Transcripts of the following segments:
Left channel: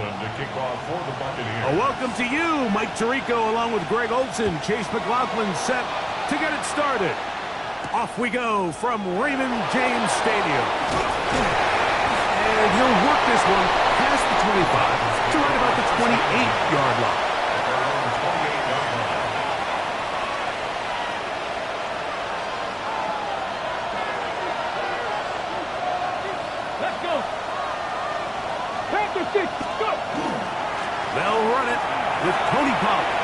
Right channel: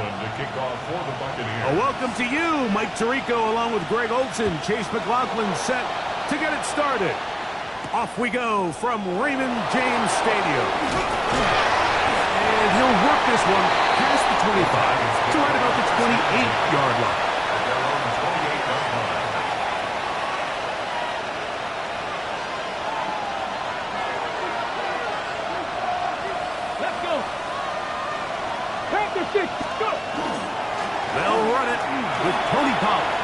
McLaughlin to kick off for the Buccaneers. A welcome to you, Mike Tirico, along with Greg Olson. Chase McLaughlin set to get it started. Off we go from Raymond James Stadium. And he'll work this one past the 25 to right about the 28-yard line. At their own 28-yard line. Let's go. Back to 6. Go. They'll run it with Tony Pollard.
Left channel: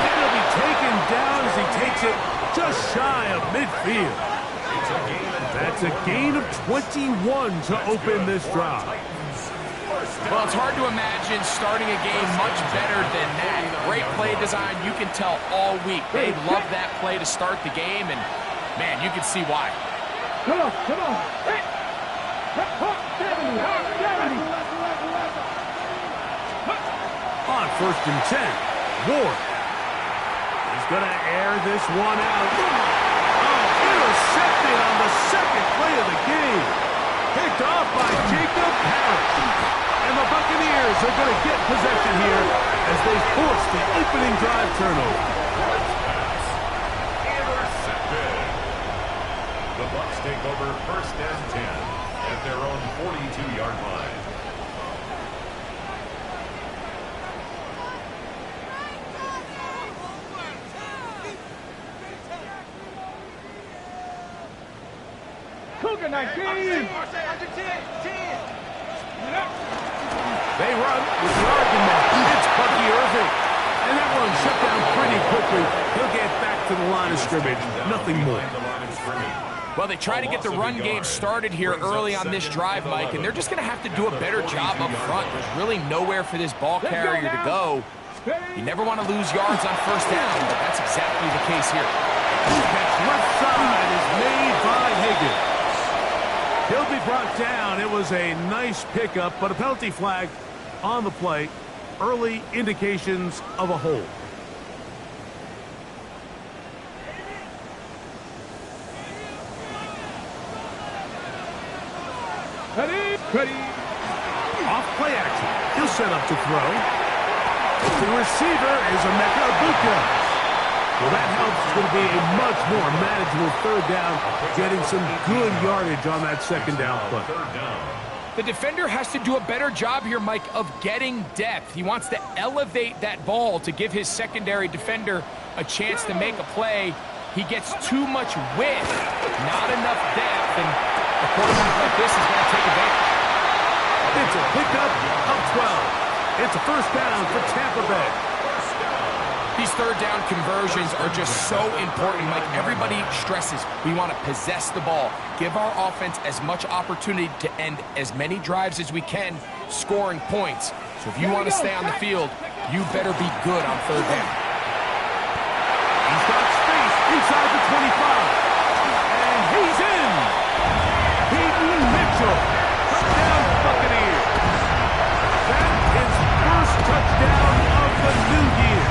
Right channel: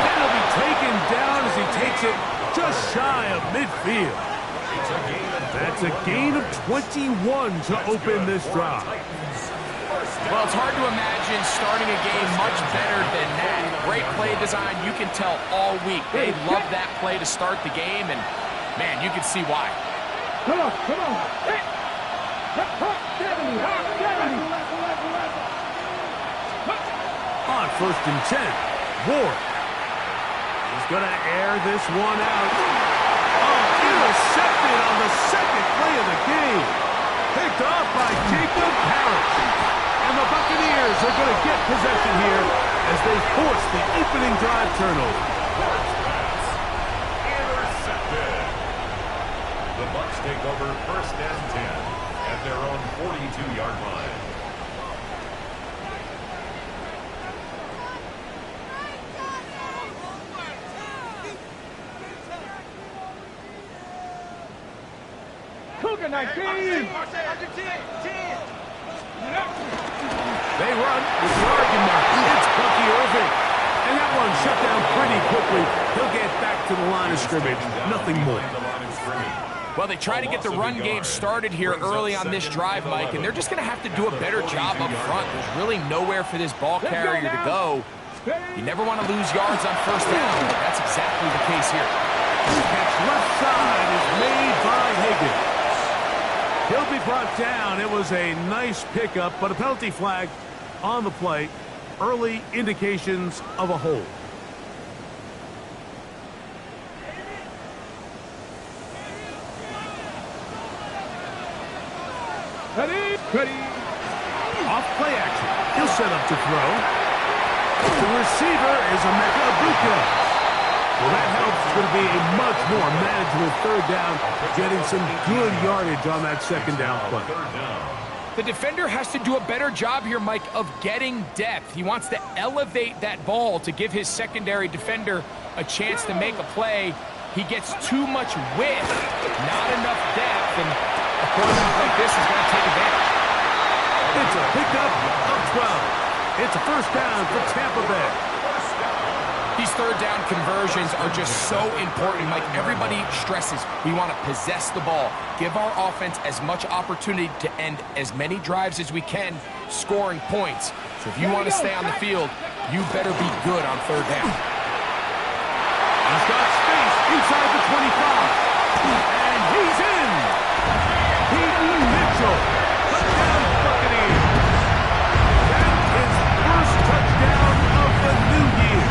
And he'll be taken down as he takes it just shy of midfield. That's a gain of 21 to open this drive. Well, it's hard to imagine starting a game much better than that. Great play design. You can tell all week. They love that play to start the game, and, man, you can see why. Come on, come on. Hey. 70, 70. On 1st and 10, Ward. He's going to air this one out. Oh, intercepted on the second play of the game. Picked off by Jacob Parrish. And the Buccaneers are going to get possession here as they force the opening drive turnover. Intercepted. The Bucs take over 1st and 10 at their own 42-yard line. Cougar 19. They run with the Oregon mark. It's Bucky Irving. And that one shut down pretty quickly. He'll get back to the line of scrimmage. Nothing more. Well, they try to get the run game started here early on this drive, Mike, and they're just going to have to do a better job up front. There's really nowhere for this ball carrier to go. You never want to lose yards on 1st down, but that's exactly the case here. Catch left side is made by Higgins. He'll be brought down. It was a nice pickup, but a penalty flag on the play. Early indications of a hold. Ready. Off play action. He'll set up to throw. The receiver is Emeka Ibuka. Well, that helps. It's going to be a much more manageable 3rd down, getting some good yardage on that 2nd down play. The defender has to do a better job here, Mike, of getting depth. He wants to elevate that ball to give his secondary defender a chance to make a play. He gets too much width, not enough depth, and a quarterback like this is going to take advantage. It's a pickup of 12. It's a 1st down for Tampa Bay. These 3rd down conversions are just so important, Mike. Everybody stresses we want to possess the ball, give our offense as much opportunity to end as many drives as we can, scoring points. So if you want to stay on the field, you better be good on 3rd down. He's got space inside the 25. And he's in. Peyton Mitchell. Touchdown Buccaneers. That is 1st touchdown of the new year.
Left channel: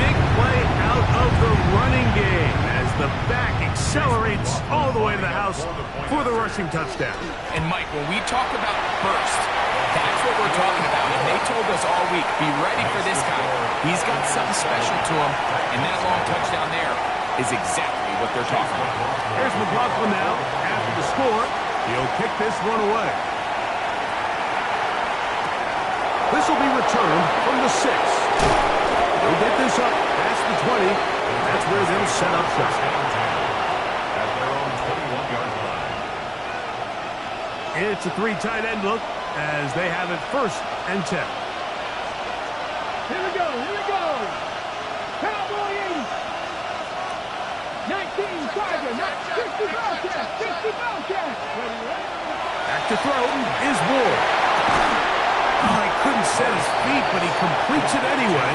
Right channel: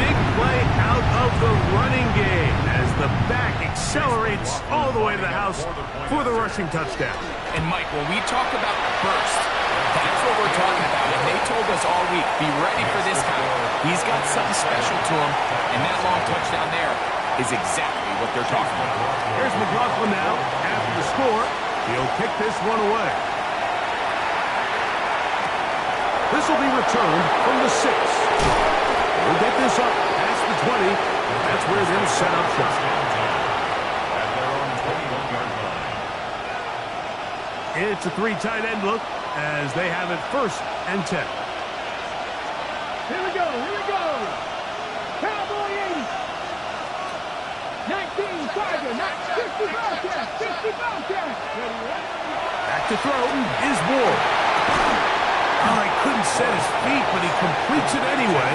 Big play out of the running game as the back accelerates all the way to the house for the rushing touchdown. And Mike, when we talk about burst, that's what we're talking about. And they told us all week, be ready for this guy. He's got something special to him, and that long touchdown there is exactly what they're talking about. Here's McLaughlin now after the score. He'll kick this one away. This will be returned from the 6. He'll get this up past the 20. That's where they'll set up shop. At their own 21-yard line. It's a 3 tight end look as they have it 1st and 10. Here we go. Cowboy 80. 19 Tiger, 60 Bobcat, 60 Bobcat. Back to throw is Ward. Oh, he couldn't set his feet, but he completes it anyway.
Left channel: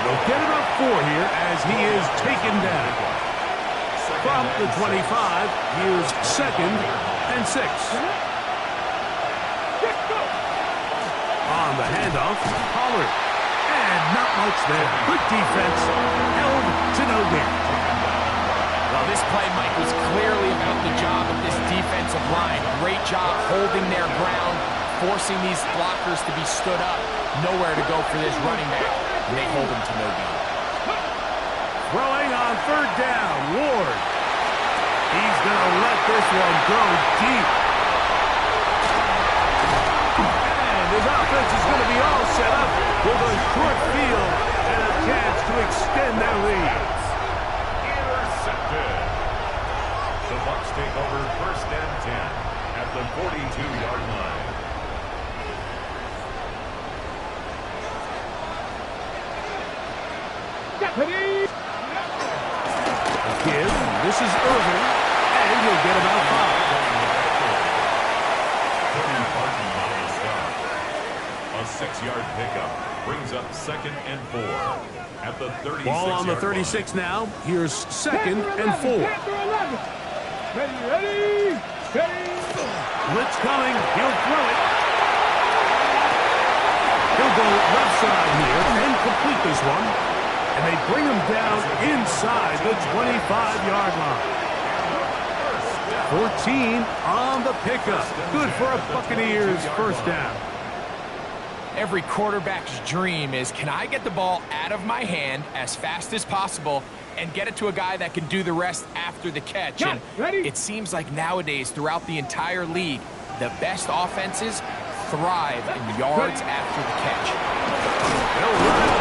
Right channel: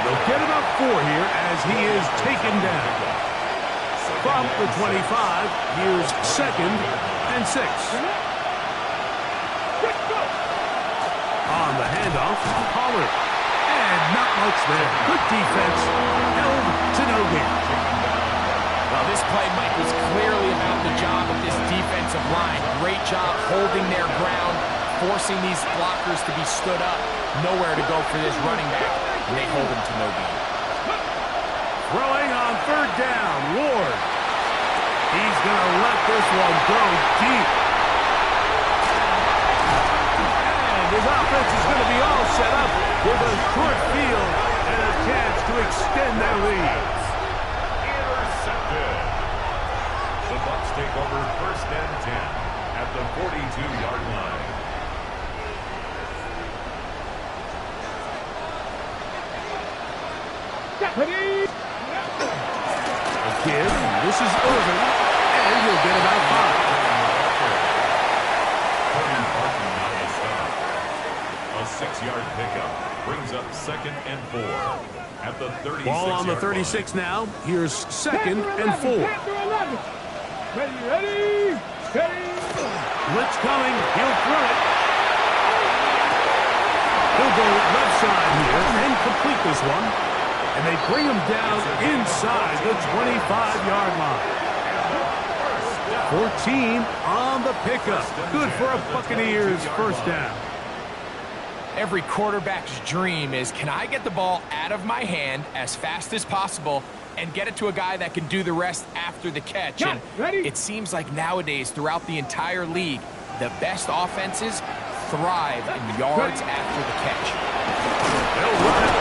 They'll get about 4 here as he is taken down. From the 25, here's 2nd and 6. On the handoff, Pollard. And not much there. Good defense. Held to no gain. Well, this play, Mike, was clearly about the job of this defensive line. Great job holding their ground, forcing these blockers to be stood up. Nowhere to go for this running back, and they hold him to no gain. Throwing on third down, Ward. He's going to let this one go deep. And his offense is going to be all set up with a short field and a chance to extend their lead. Intercepted. The Bucs take over first and 10 at the 42-yard line. Ready? Give. This is Irvin, and he'll get about 5. A 6-yard pickup brings up 2nd and 4 at the 36-yard Ball on the 36 now. Here's 2nd and 4. Ready? Steady. Blitz coming. He'll throw it. He'll go left side here and complete this one. And they bring him down inside the 25-yard line. 14 on the pickup. Good for a Buccaneers first down. Every quarterback's dream is, can I get the ball out of my hand as fast as possible and get it to a guy that can do the rest after the catch? And it seems like nowadays, throughout the entire league, the best offenses thrive in yards after the catch. They'll run it.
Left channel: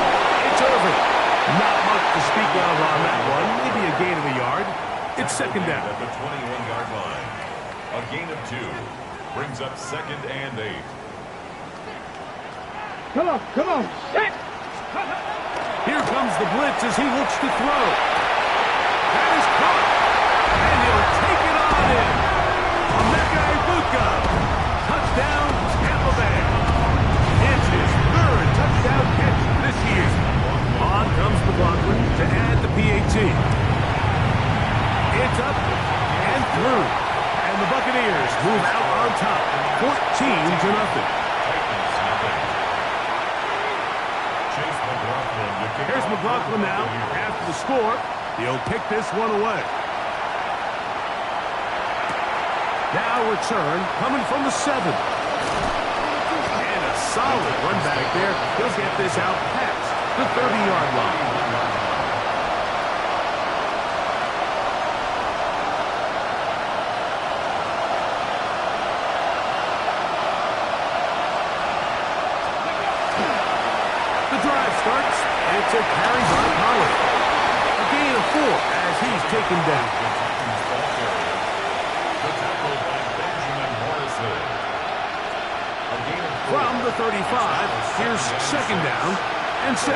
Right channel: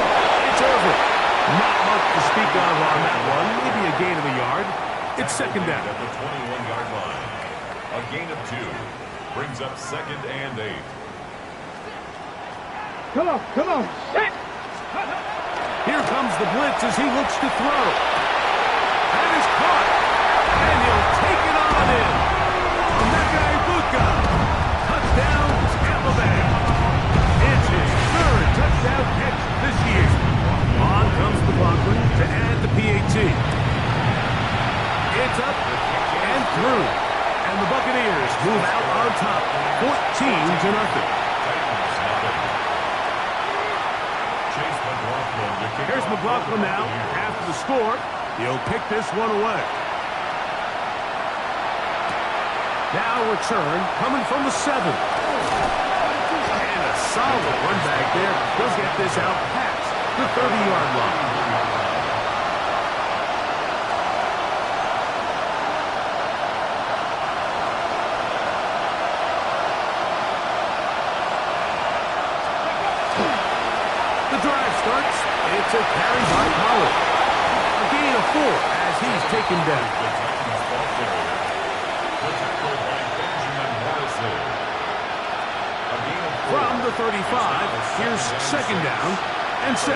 It's Irvin. Not much to speak of on that one. Maybe a gain of a yard. It's 2nd down. At the 21-yard line. A gain of 2 brings up 2nd and 8. Come on. Set. Here comes the blitz as he looks to throw. That is caught. And he'll take it on in. Emeka Egbuka. Touchdown, Tampa Bay. It's his 3rd touchdown catch this year. On comes McLaughlin to add the PAT. It's up and through. And the Buccaneers move out on top, 14-0. Here's McLaughlin now. After the score, he'll pick this one away. Now return coming from the 7. And a solid run back there. He'll get this out past the 30-yard line. The drive starts. It's a carry by Pollard. A gain of 4 as he's taken down. The tackle by Benjamin Morrison. From the 35, here's 2nd down and 6.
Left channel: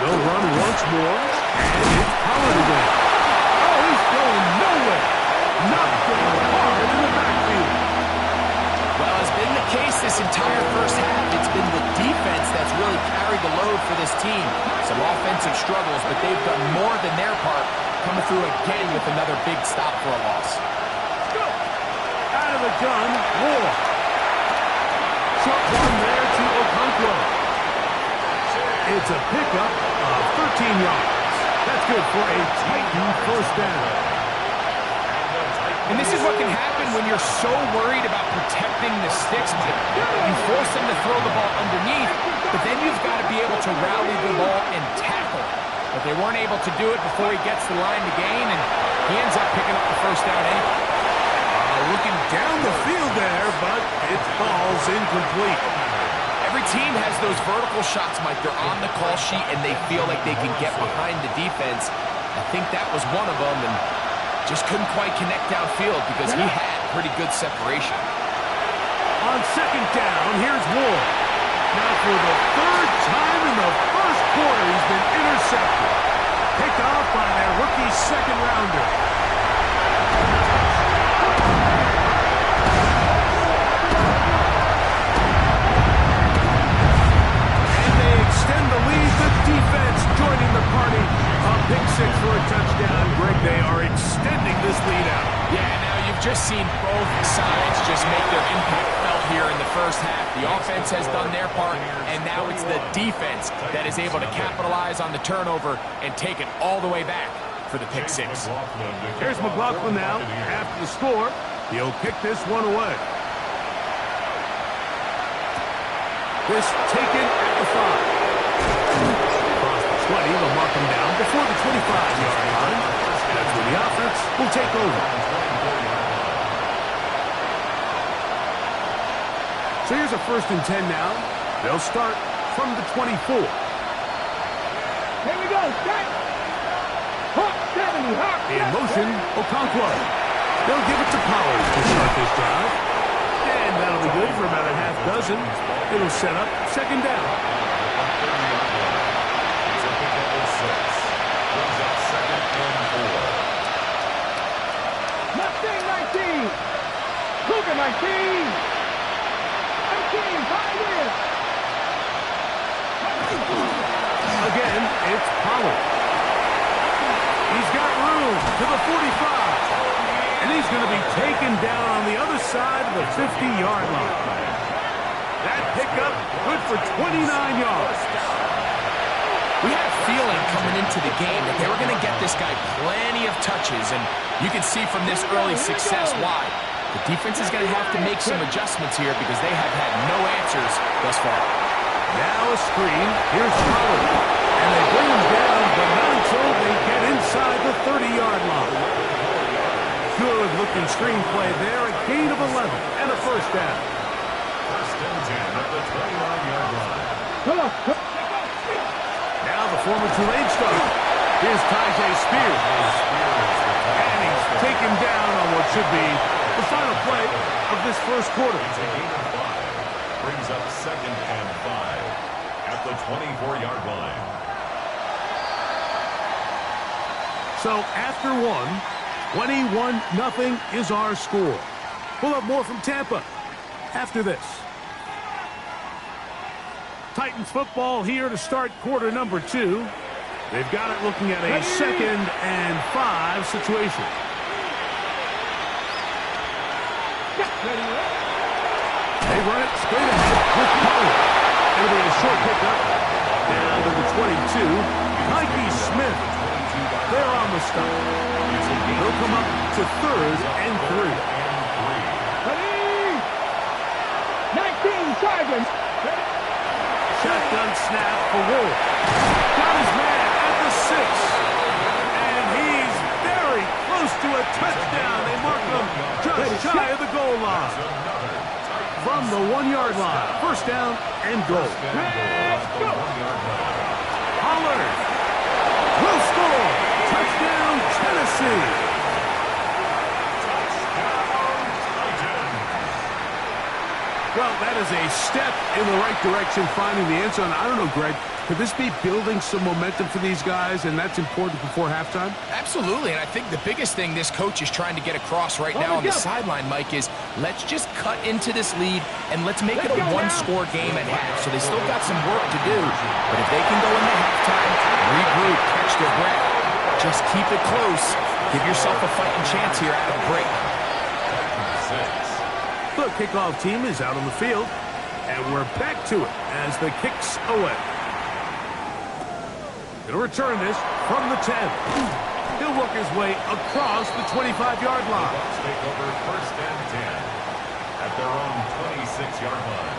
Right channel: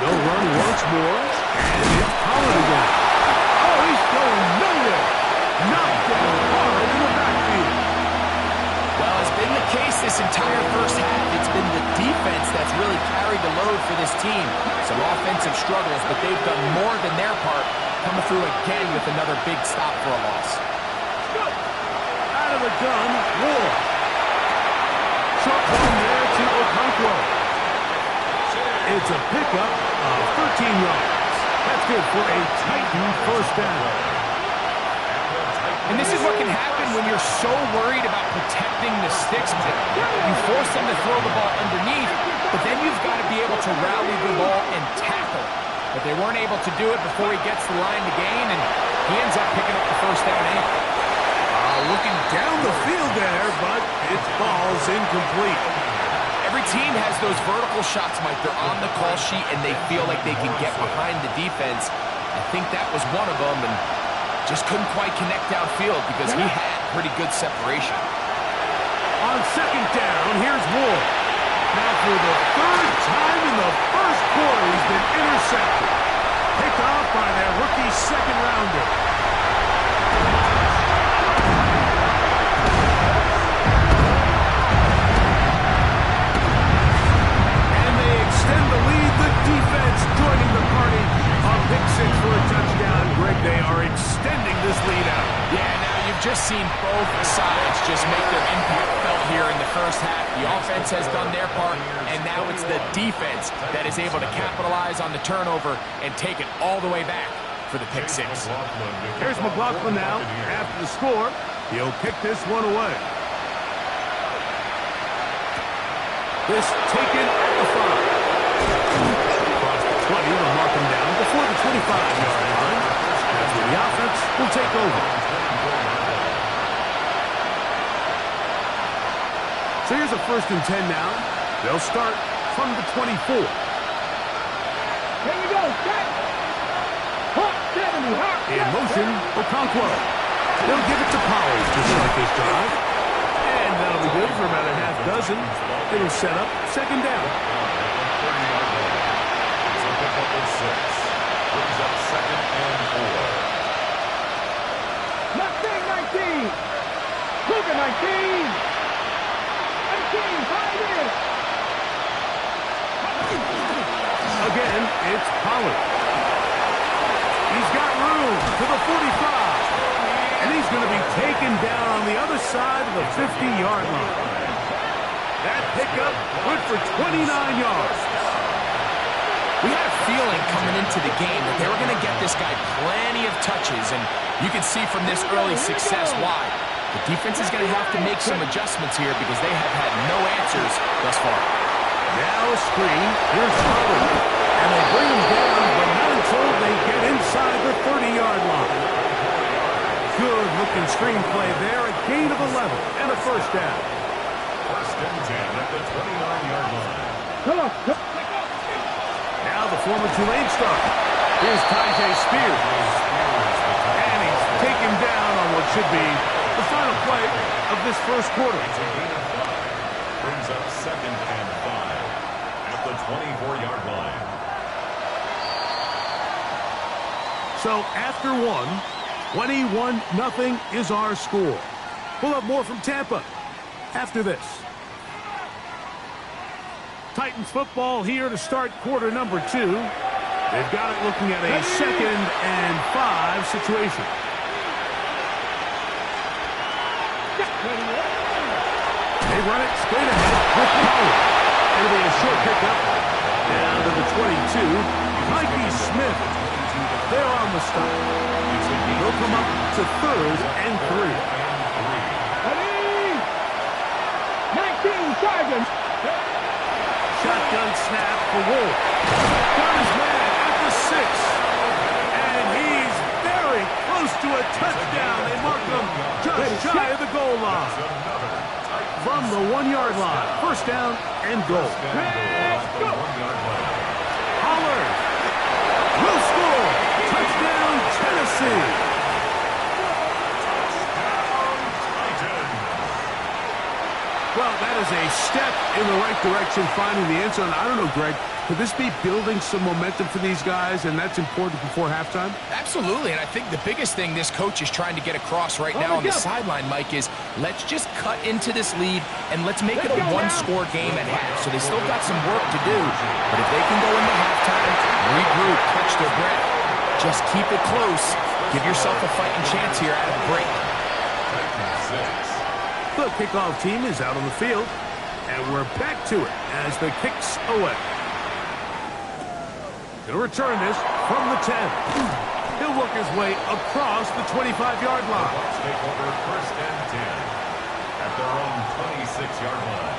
They'll run once more, and it's Pollard again. Oh, he's going nowhere. Knocked down hard in the backfield. Well, as been the case this entire first half, it's been the defense that's really carried the load for this team. Some offensive struggles, but they've done more than their part, coming through again with another big stop for a loss. Out of the gun, Ward. Short one there to Okonkwo. It's a pickup of 13 yards. That's good for a Titan first down. And this is what can happen when you're so worried about protecting the sticks, Mike. You force them to throw the ball underneath, but then you've got to be able to rally the ball and tackle. But they weren't able to do it before he gets the line to gain, and he ends up picking up the first down anyway. Looking down the field there, but it falls incomplete. Every team has those vertical shots, Mike. They're on the call sheet, and they feel like they can get behind the defense. I think that was one of them, and just couldn't quite connect downfield because he had pretty good separation. On 2nd down, here's Ward. Now for the 3rd time in the first quarter, he's been intercepted. Picked off by their rookie 2nd-rounder. Extend the lead, the defense joining the party. A pick 6 for a touchdown. Greg, they are extending this lead out. Yeah, now you've just seen both sides just make their impact felt here in the first half. The offense has done their part, and now it's the defense that is able to capitalize on the turnover and take it all the way back for the pick six. Here's McLaughlin now. After the score, he'll kick this one away. This taken at the 5. Across the 20, they'll mark him down before the 25-yard line. That's where the offense will take over. So here's a 1st and 10 now. They'll start from the 24. Here we go, set. Hawk 70, Hawk 70. In motion, Okonkwo. They'll give it to Pollard to start this drive. And that'll be good for about a half dozen. It'll set up 2nd down. It's a pickup of 6. Brings up 2nd and 4. Mustang 19. Cougar 19. 19, 5 in. Again, it's Pollard. He's got room to the 45. And he's going to be taken down on the other side of the 50-yard line. That pickup good for 29 yards. We had a feeling coming into the game that they were going to get this guy plenty of touches, and you can see from this early success why. The defense is going to have to make some adjustments here because they have had no answers thus far. Now a screen. Here's Pollard. And they bring him down, but not until they get inside the 30-yard line. Good-looking screenplay there. A gain of 11 and a 1st down. 1st and 10 at the 29-yard line. Come on. Now the former Tulane star. Here's Tyjae Spears. And he's taken down on what should be the final play of this 1st quarter. It's a gain of 5. Brings up 2nd and 5 at the 24-yard line. So after 21-0 is our score. We'll have more from Tampa after this. Titans football here to start quarter number 2. They've got it looking at a 2nd and 5 situation. They run it straight ahead with Pollard. It'll be a short pickup down to the 22. Mikey Smith. They're on the stop. They'll come up to 3rd and 3. 19, Sergeant. Shotgun snap for Wolf. Got his man at the 6. And he's very close to a touchdown. They mark him just shy of the goal line. From the 1-yard line. 1st down and goal. Let's go. Pollard will score. Touchdown, Tennessee. Well, that is a step in the right direction, finding the end zone. I don't know, Greg, could this be building some momentum for these guys, and that's important before halftime? Absolutely, and I think the biggest thing this coach is trying to get across right now on the sideline, Mike, is let's just cut into this lead, and let's make it a one-score game at half. So they still got some work to do, but if they can go into halftime, regroup, catch their breath, just keep it close, give yourself a fighting chance here out of the break. The kickoff team is out on the field, and we're back to it as the kicks away. He'll return this from the 10. He'll work his way across the 25-yard line. Bucks take over 1st and 10 at their own 26-yard line.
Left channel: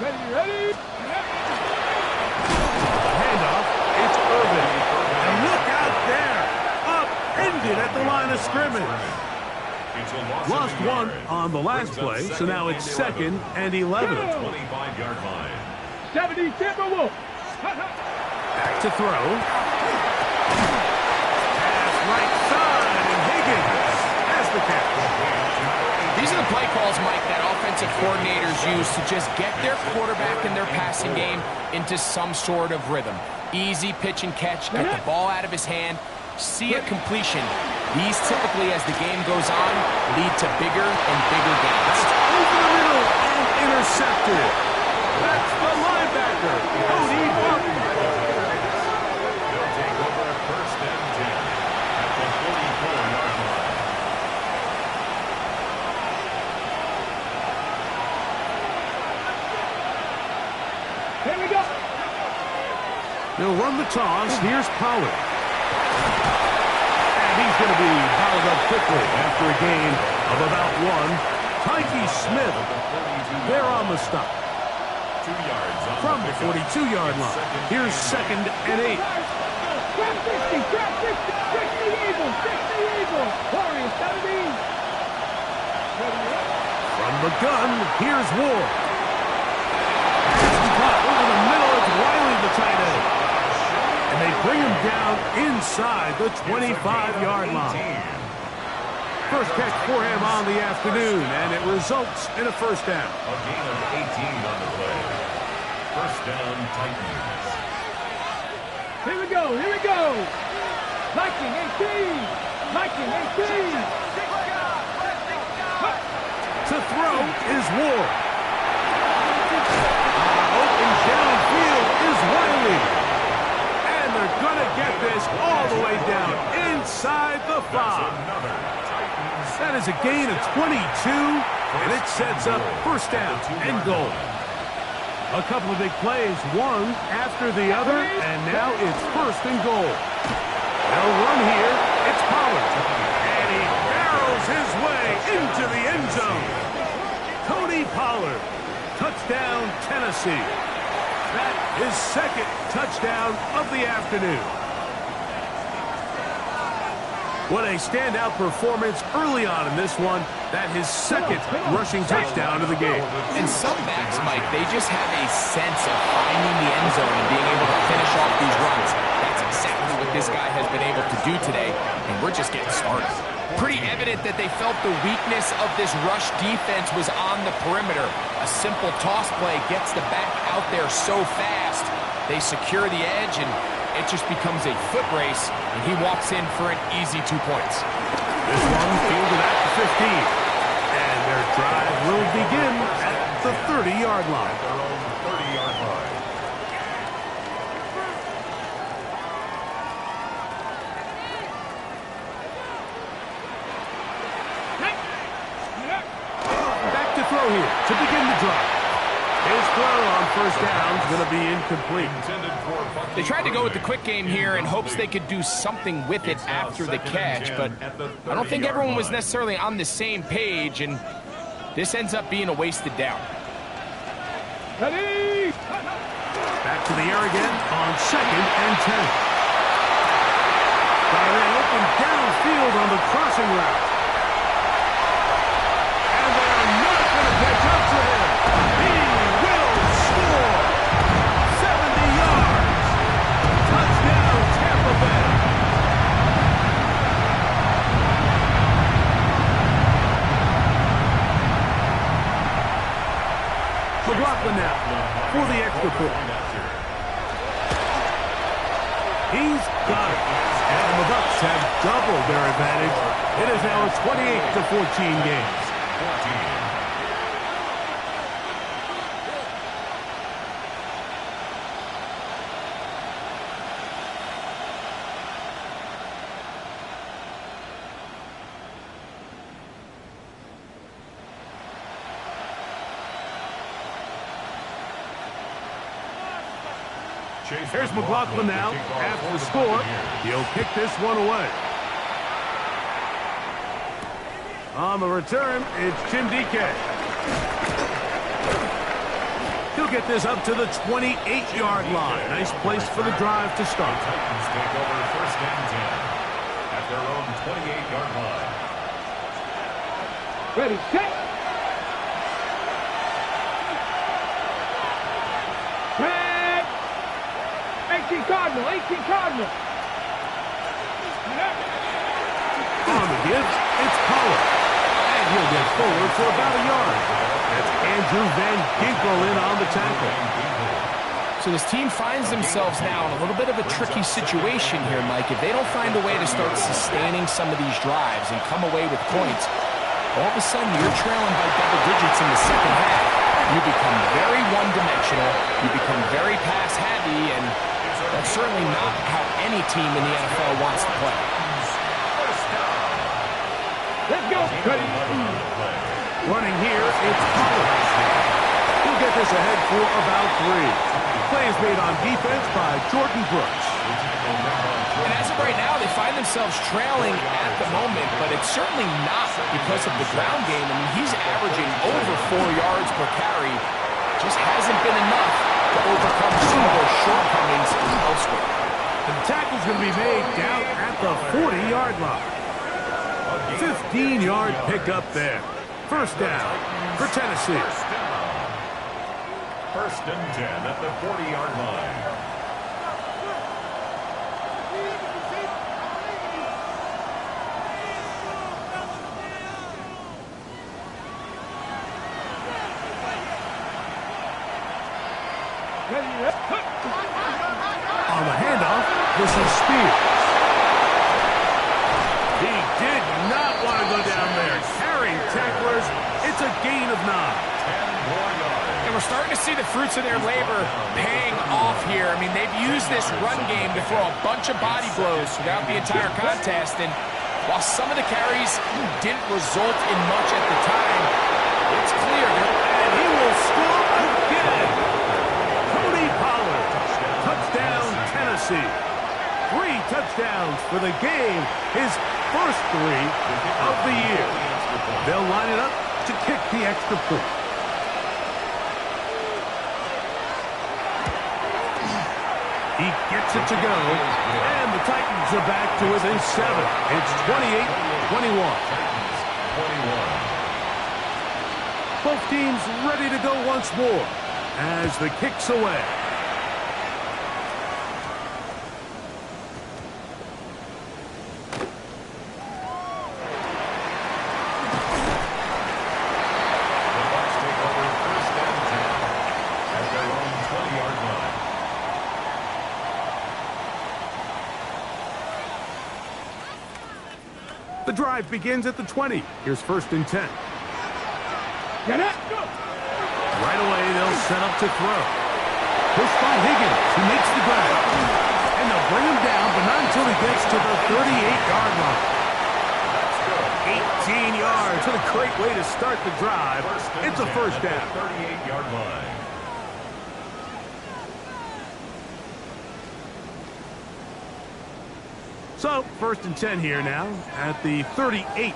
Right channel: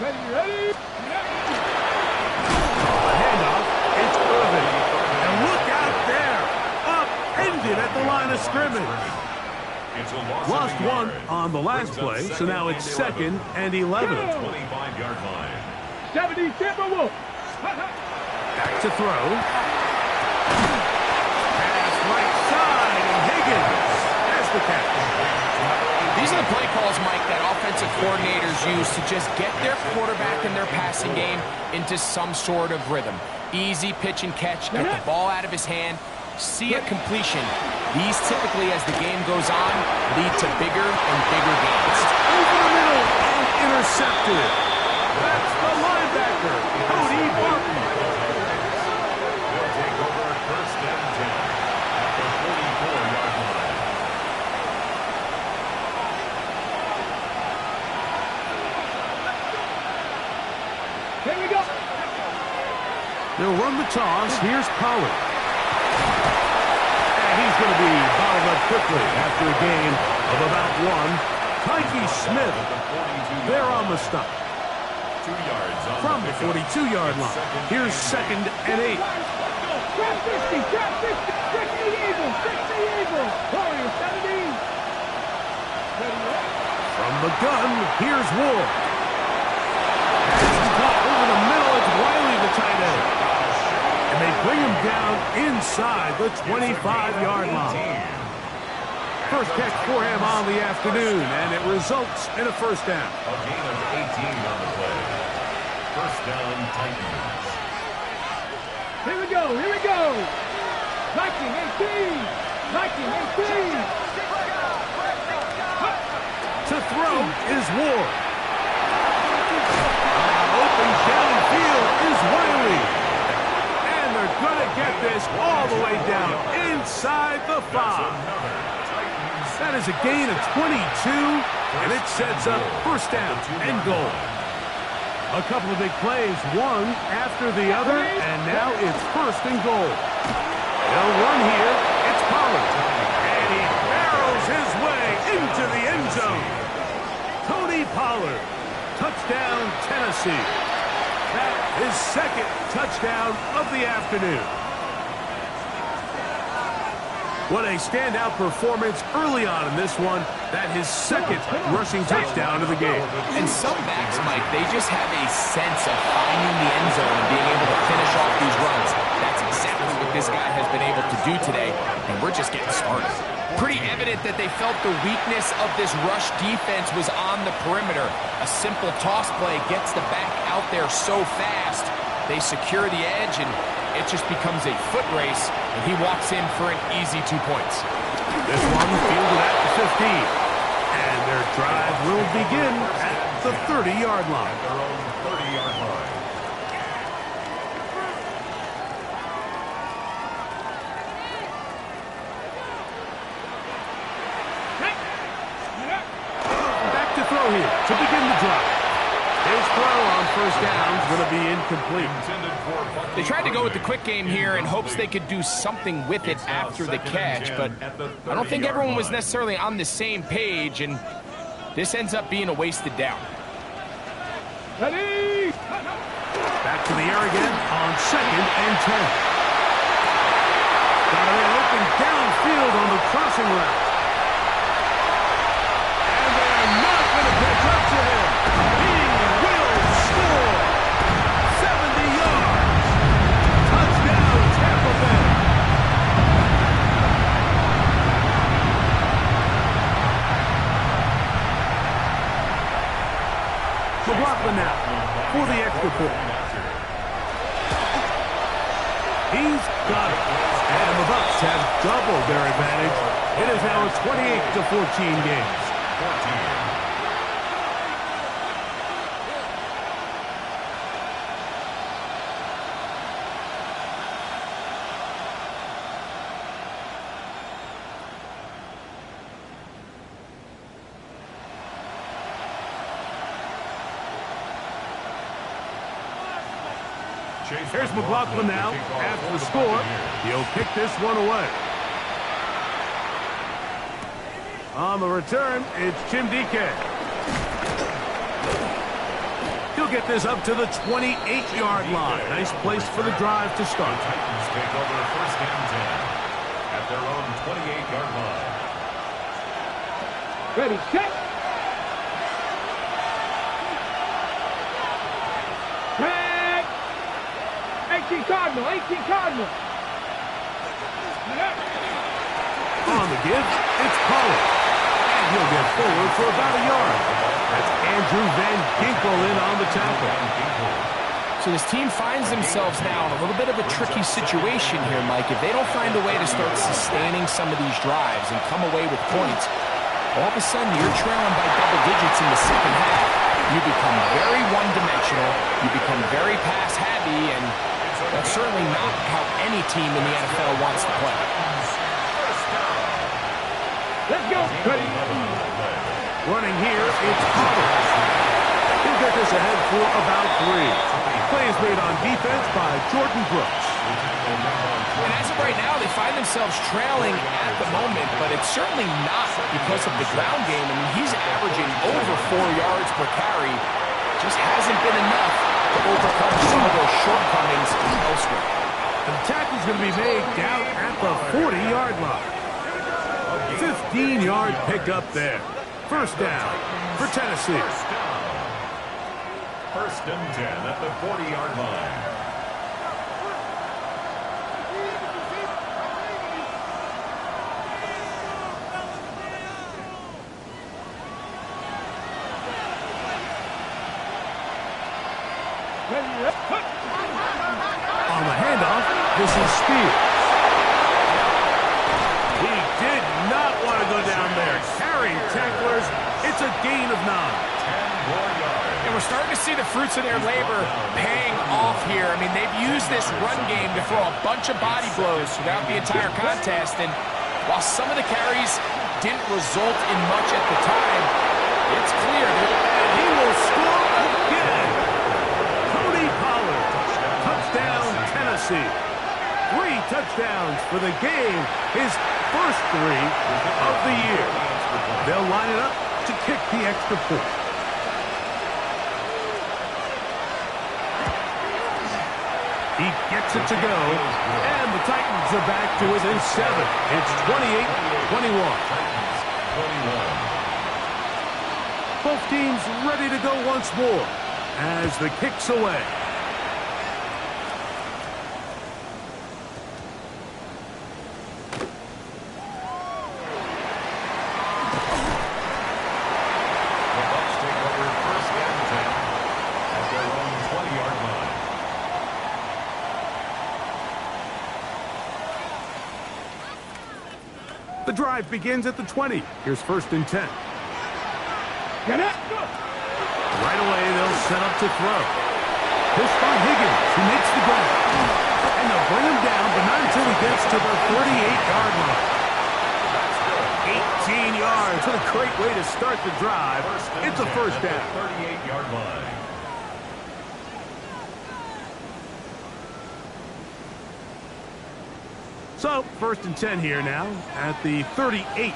Ready? The handoff, it's Irvin. And look out there, upended at the line of scrimmage. Lost one on the last play, so now it's 2nd and 11. 25-yard line. 70 Timberwolf. Back to throw. Pass right side, and Higgins has the catch. These are the play calls, Mike, that offensive coordinators use to just get their quarterback and their passing game into some sort of rhythm. Easy pitch and catch, get the ball out of his hand, see a completion. These typically, as the game goes on, lead to bigger and bigger gains. That's over the middle and intercepted. That's the linebacker. linebacker, Cody Barton. They'll take over first and 10 at the 44-yard line. Here we go. They'll run the toss. Here's Pollard. And he's going to be bottled up quickly after a gain of about 1. Tyke Smith, they're on the stop. 2 yards on From the pickup. 42-yard line. Here's second and 8. Trap 50, trap 50. Trick the Eagle, trick the Eagle. Warriors, 70. Ready up. From the gun, here's Ward. And caught over the middle. It's Wiley, the tight end. And they bring him down inside the 25-yard line. First catch for him on the afternoon, and it results in a first down. A gain of 18 on the play. First down, Titans. Here we go, here we go. Viking 18. Viking 18. To throw is Ward. Open downfield is Wiley. And they're going to get this all the way down inside the 5. Another Titans. That is a gain of 22, and it sets up first down and goal. A couple of big plays, one after the other, and now it's first and goal. They'll run here. It's Pollard. And he barrels his way into the end zone. Tony Pollard. Touchdown, Tennessee. That is second touchdown of the afternoon. What a standout performance early on in this one. That his second rushing touchdown of the game. And some backs, Mike, they just have a sense of finding the end zone and being able to finish off these runs. That's exactly what this guy has been able to do today, and we're just getting started. Pretty evident that they felt the weakness of this rush defense was on the perimeter. A simple toss play gets the back out there so fast. They secure the edge, and it just becomes a foot race, and he walks in for an easy 2 points. This one fielded at the 15. And their drive will begin at the 30-yard line. At their own 30-yard line. Back to throw here to begin the drive. His throw on first down is going to be incomplete. They tried to go with the quick game here in hopes they could do something with it after the catch, but I don't think everyone was necessarily on the same page, and this ends up being a wasted down. Ready. Back to the air again on second and 10. Got it in open downfield on the crossing route. And they are not going to catch up to him. He will score. 70 yards. Touchdown, Tampa Bay. McLaughlin now for the extra point. He's got it. And the Bucs have doubled their advantage. It is now a 28-14 game. 14. Here's McLaughlin now. After the score, he'll kick this one away. On the return, it's Jim DK. He'll get this up to the 28-yard line. Nice place for the drive to start. The Titans take over first and 10 at their own 28-yard line. Ready, set. 18 Cardinal, 18 Cardinal. On the give, it's Pollard. And he'll get forward for about a yard. That's Andrew Van Ginkel in on the tackle. So this team finds themselves now in a little bit of a tricky situation here, Mike. If they don't find a way to start sustaining some of these drives and come away with points, all of a sudden you're trailing by double digits in the second half. you become very one-dimensional, you become very pass-heavy, and that's certainly not how any team in the NFL wants to play. Let's go. Ready. Running here, it's Pollard. He'll get this ahead for about 3. Play is made on defense by Jordan Brooks. And as of right now, they find themselves trailing at the moment, but it's certainly not because of the ground game. I mean, he's averaging over 4 yards per carry. Just hasn't been enough to overcome some of those shortcomings elsewhere. The tackle's going to be made down at the 40-yard line. 15-yard pickup there. First down for Tennessee. First and 10 at the 40-yard line. On the handoff, this is Spears. He did not want to go down there. Carrying tacklers, it's a gain of 9. 10 more yards. And we're starting to see the fruits of their labor paying off here. I mean, they've used this run game to throw a bunch of body blows throughout the entire contest. And while some of the carries didn't result in much at the time, it's clear. And he will score again. Tony Pollard. Touchdown, Tennessee. 3 touchdowns for the game. His first 3 of the year. They'll line it up to kick the extra point. He gets it to go, and the Titans are back to within 7. It's 28-21. Both teams ready to go once more as the kick's away. The Bucs take over first and 10 at their own 20-yard line. The drive begins at the 20. Here's first and 10. Get it. Right away, they'll set up to throw. He'll spot Higgins, who makes the grab. And they'll bring him down, but not until he gets to the 38-yard line. 18 yards. What a great way to start the drive. It's a first down. 38-yard line. So, first and 10 here now at the 38.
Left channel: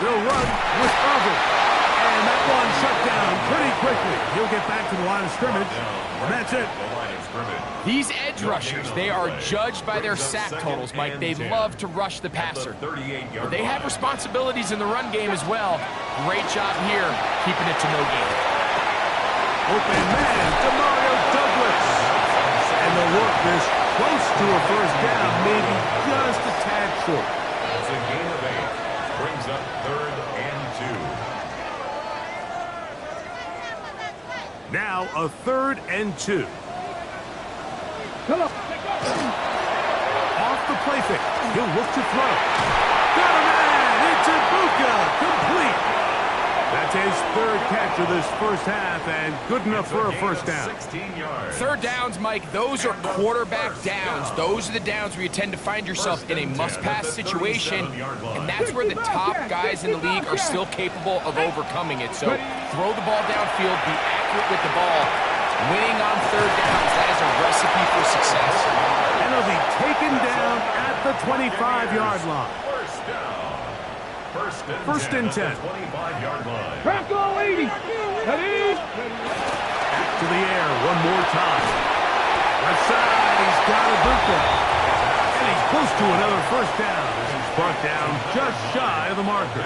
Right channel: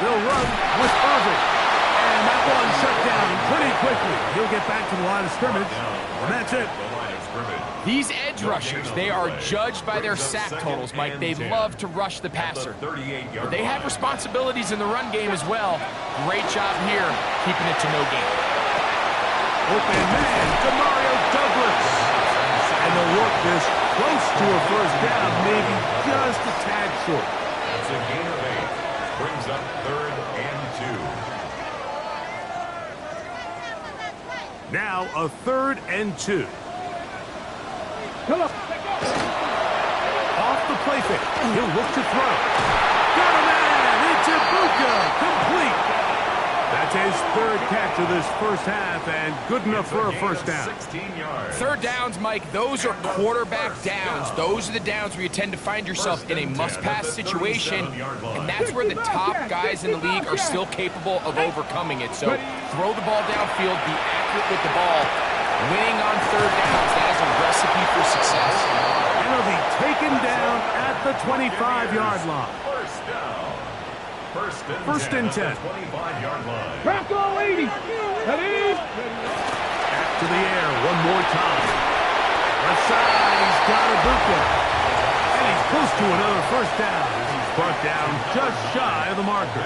They'll run with Irving. And that one shut down pretty quickly. He'll get back to the line of scrimmage. And that's it. These edge rushers, they are judged by their sack totals, Mike. They love to rush the passer. But they have responsibilities in the run game as well. Great job here, keeping it to no gain. Open man, Demario Douglas. And they'll work this close to a first down, maybe just a tad short. It's a gain of 8. Brings up 3rd and 2. Now a 3rd and 2. Come on. Off the play fake. He'll look to throw. Got a man. It's Ibuka. Complete. That's his 3rd catch of this first half, and good enough for a first down. 16 yards. Third downs, Mike, those are quarterback downs. Those are the downs where you tend to find yourself in a must-pass situation, and that's where the top guys in the league are still capable of overcoming it. So throw the ball downfield, be accurate with the ball. Winning on third downs, that is a recipe for success. And he'll be taken down at the 25-yard line. First down. First and 10. 25-yard line. Bronco 80. Ready? Back to the air one more time. Left side, he's got Ibuka. And he's close to another first down as he's brought down just shy of the marker.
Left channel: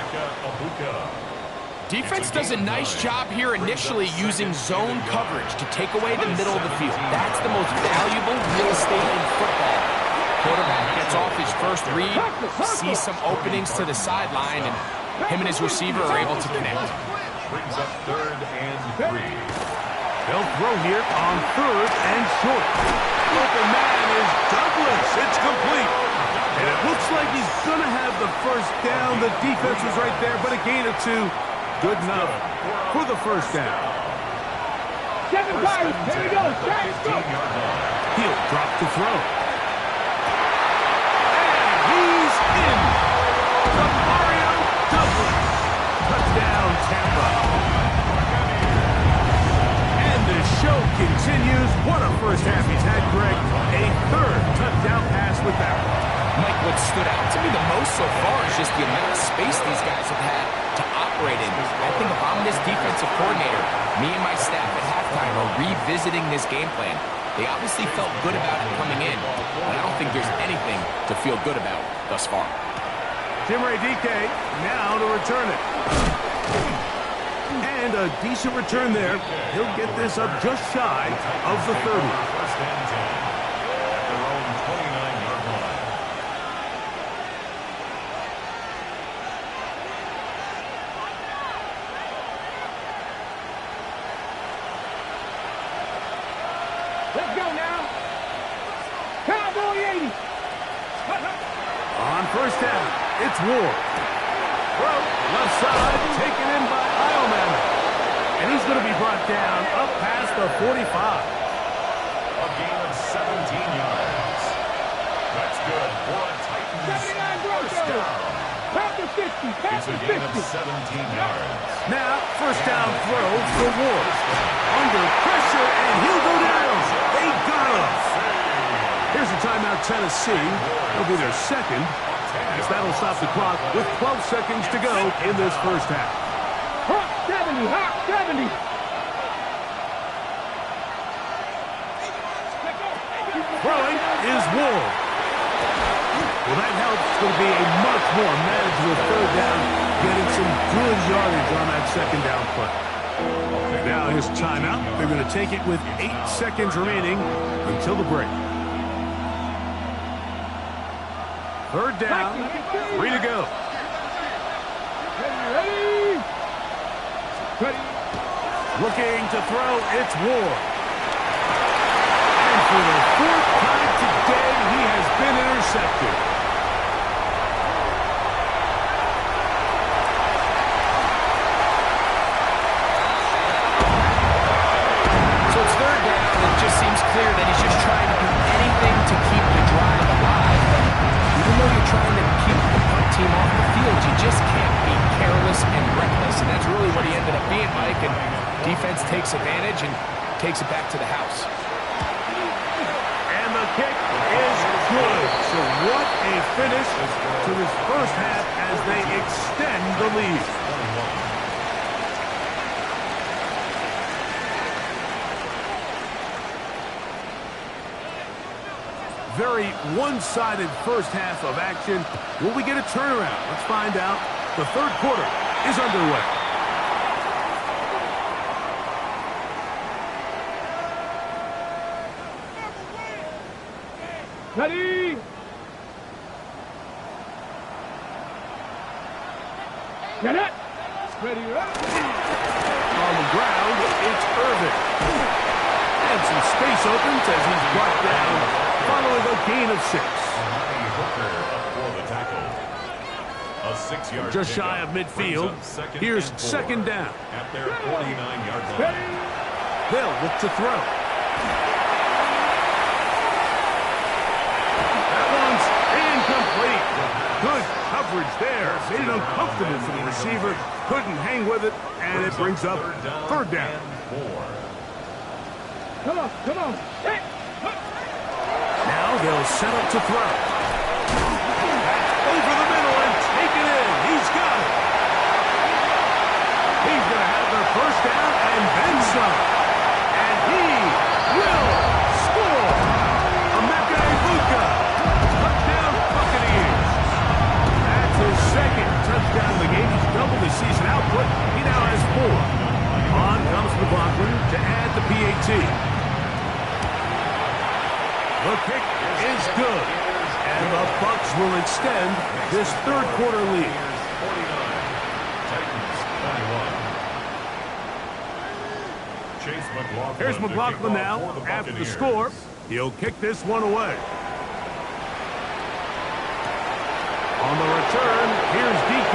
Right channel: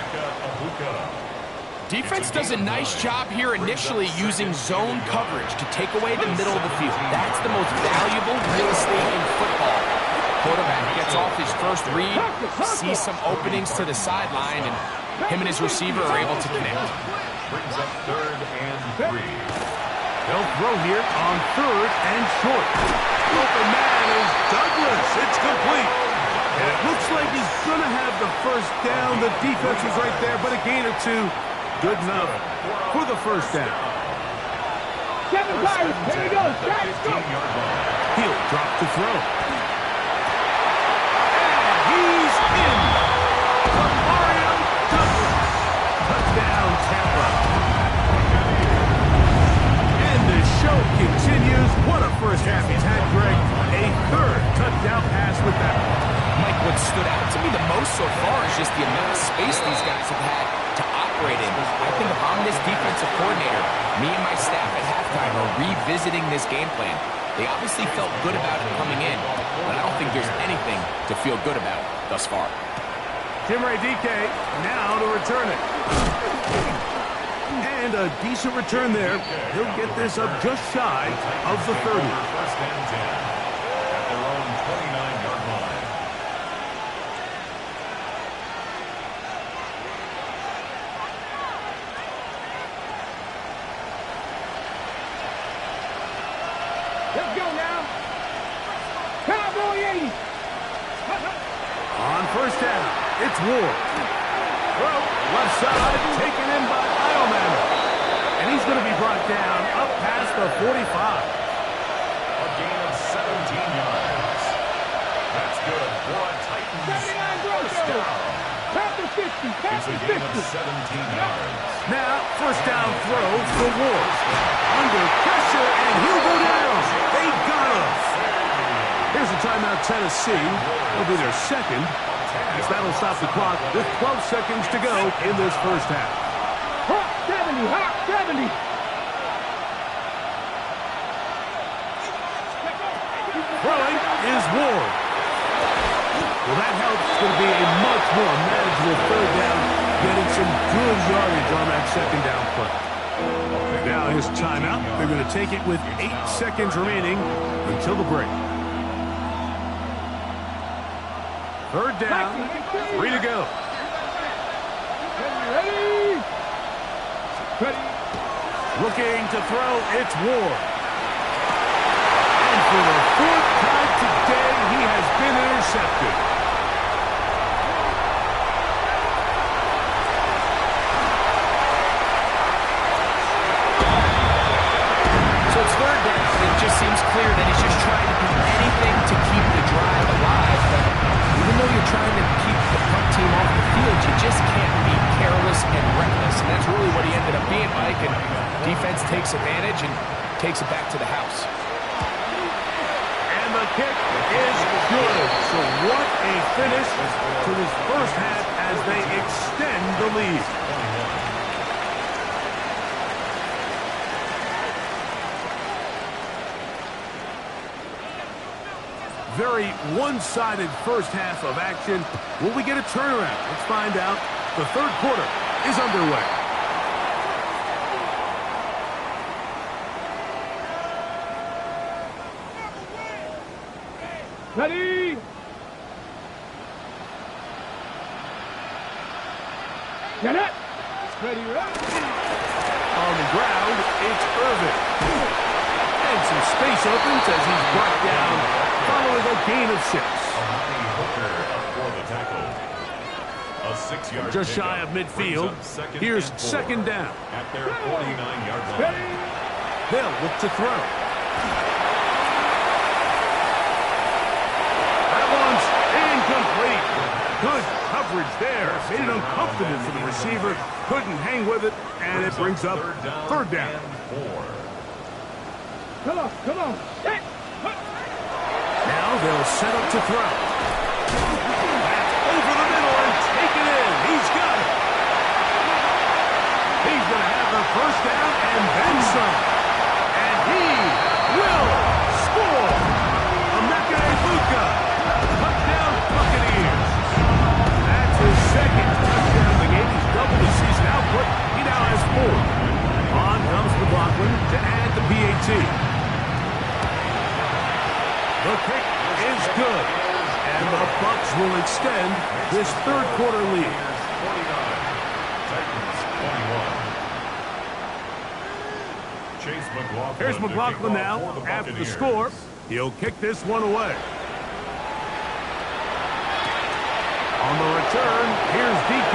Defense does a nice job here initially using zone coverage to take away the middle of the field. That's the most valuable real estate in football. Quarterback gets off his first read, sees some openings to the sideline, and him and his receiver are able to connect. Brings up 3rd and 3. They'll throw here on 3rd and short. Open man is Douglas. It's complete. And it looks like he's going to have the first down. The defense was right there, but a gain of 2. Good enough for the first down. 7 Pirates. Here we go. Jack, go. He'll drop to throw. And he's in. The Mario Douglas. Touchdown, Tampa. And the show continues. What a first half he's had, Greg. A third touchdown pass with that one. Mike, what stood out to me the most so far is just the amount of space these guys have had to operate in. I think if I'm this defensive coordinator, me and my staff at halftime are revisiting this game plan. They obviously felt good about it coming in, but I don't think there's anything to feel good about thus far. Jim Ray DK now to return it. And a decent return there. He'll get this up just shy of the 30. First and 10 at their own 29-yard line. Let's go now. Cowboy 80. On first down, it's Ward. Throw, left side, taken in by Iomanner. And he's going to be brought down up past the 45. A gain of 17 yards. That's good for a Titans 79 first Broncos. down. Past the 50. It's Past a the gain 50. of 17 yards. Now, first down throw for Ward. Under pressure, and he'll go down. They got him. Here's a timeout, Tennessee. It'll be their second, as that'll stop the clock with 12 seconds to go in this first half. Hawk 70. Hawk 70. Throwing is Ward. Well, that helps. It's going to be a much more manageable third down, getting some good yardage on that second down play. Now his timeout. They're going to take it with 8 seconds remaining until the break. Third down, 3 to go. Ready? Ready? Looking to throw, it's Ward. And for the 4th time today, he has been intercepted. So it's third down, and it just seems clear that he's just trying to do anything to keep the drive alive. But even though you're trying to keep the punt team off the field, you just can't be careless and reckless. And that's really what he ended up being, Mike. And defense takes advantage and takes it back to the house. And the kick is good. So what a finish to this first half as they extend the lead. 21. Very one-sided first half of action. Will we get a turnaround? Let's find out. The third quarter is underway. Ready? Get it? Ready, ready? On the ground, it's Irvin. And some space opens as he's brought down following a gain of 6. Amani Hooker up for the tackle. A 6-yard Just shy of midfield. Here's second down. At their 49-yard line. They'll look to throw. That one's incomplete. Good coverage there. Made it uncomfortable for the receiver. Couldn't hang with it, and it brings up third down. And 4. Come on, come on. Set. Now they'll set up to throw. That's over the middle and taken in. He's got it. He's going to have the first down and then some. And he will score. Emeka Egbuka. Touchdown, Buccaneers. That's his second touchdown of the game. He's doubled his season output. He now has 4. On comes McLaughlin to add the PAT. The kick is good, and the Bucs will extend this third quarter lead. 49, Titans 21. Chase McLaughlin. Here's McLaughlin now after the score. He'll kick this one away. On the return, here's DK.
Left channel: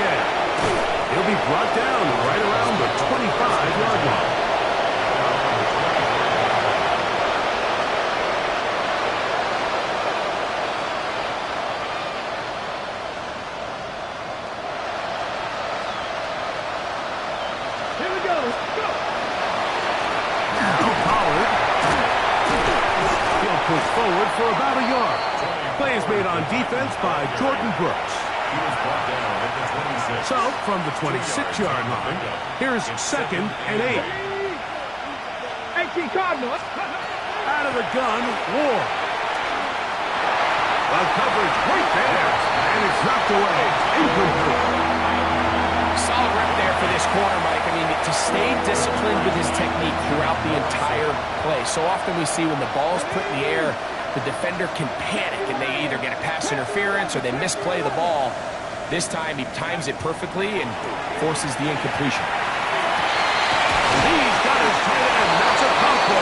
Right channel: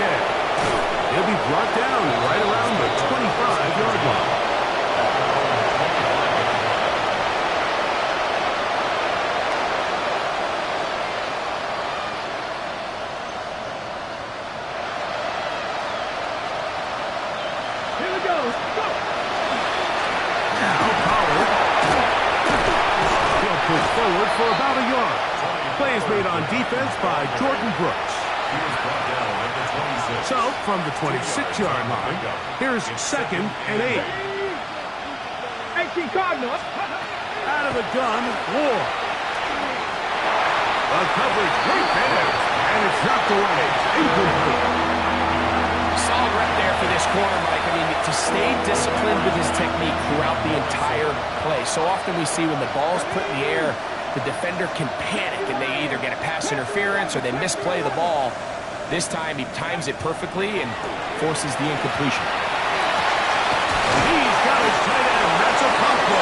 He'll be brought down right around the 25-yard line. Here we go. Go. Now Pollard. He'll push forward for about a yard. Play is made on defense by Jordan Brooks. He was brought down at the 26. So, from the 26-yard line, here's 2nd and 8. 18 Cardinals. Out of the gun, Ward. The coverage right there, and it's knocked away. Incomplete. Solid rep there for this corner, Mike. I mean, to stay disciplined with his technique throughout the entire play. So often we see when the ball's put in the air, the defender can panic, and they either get a pass interference or they misplay the ball. This time, he times it perfectly and forces the incompletion. He's got his tight end. That's a combo.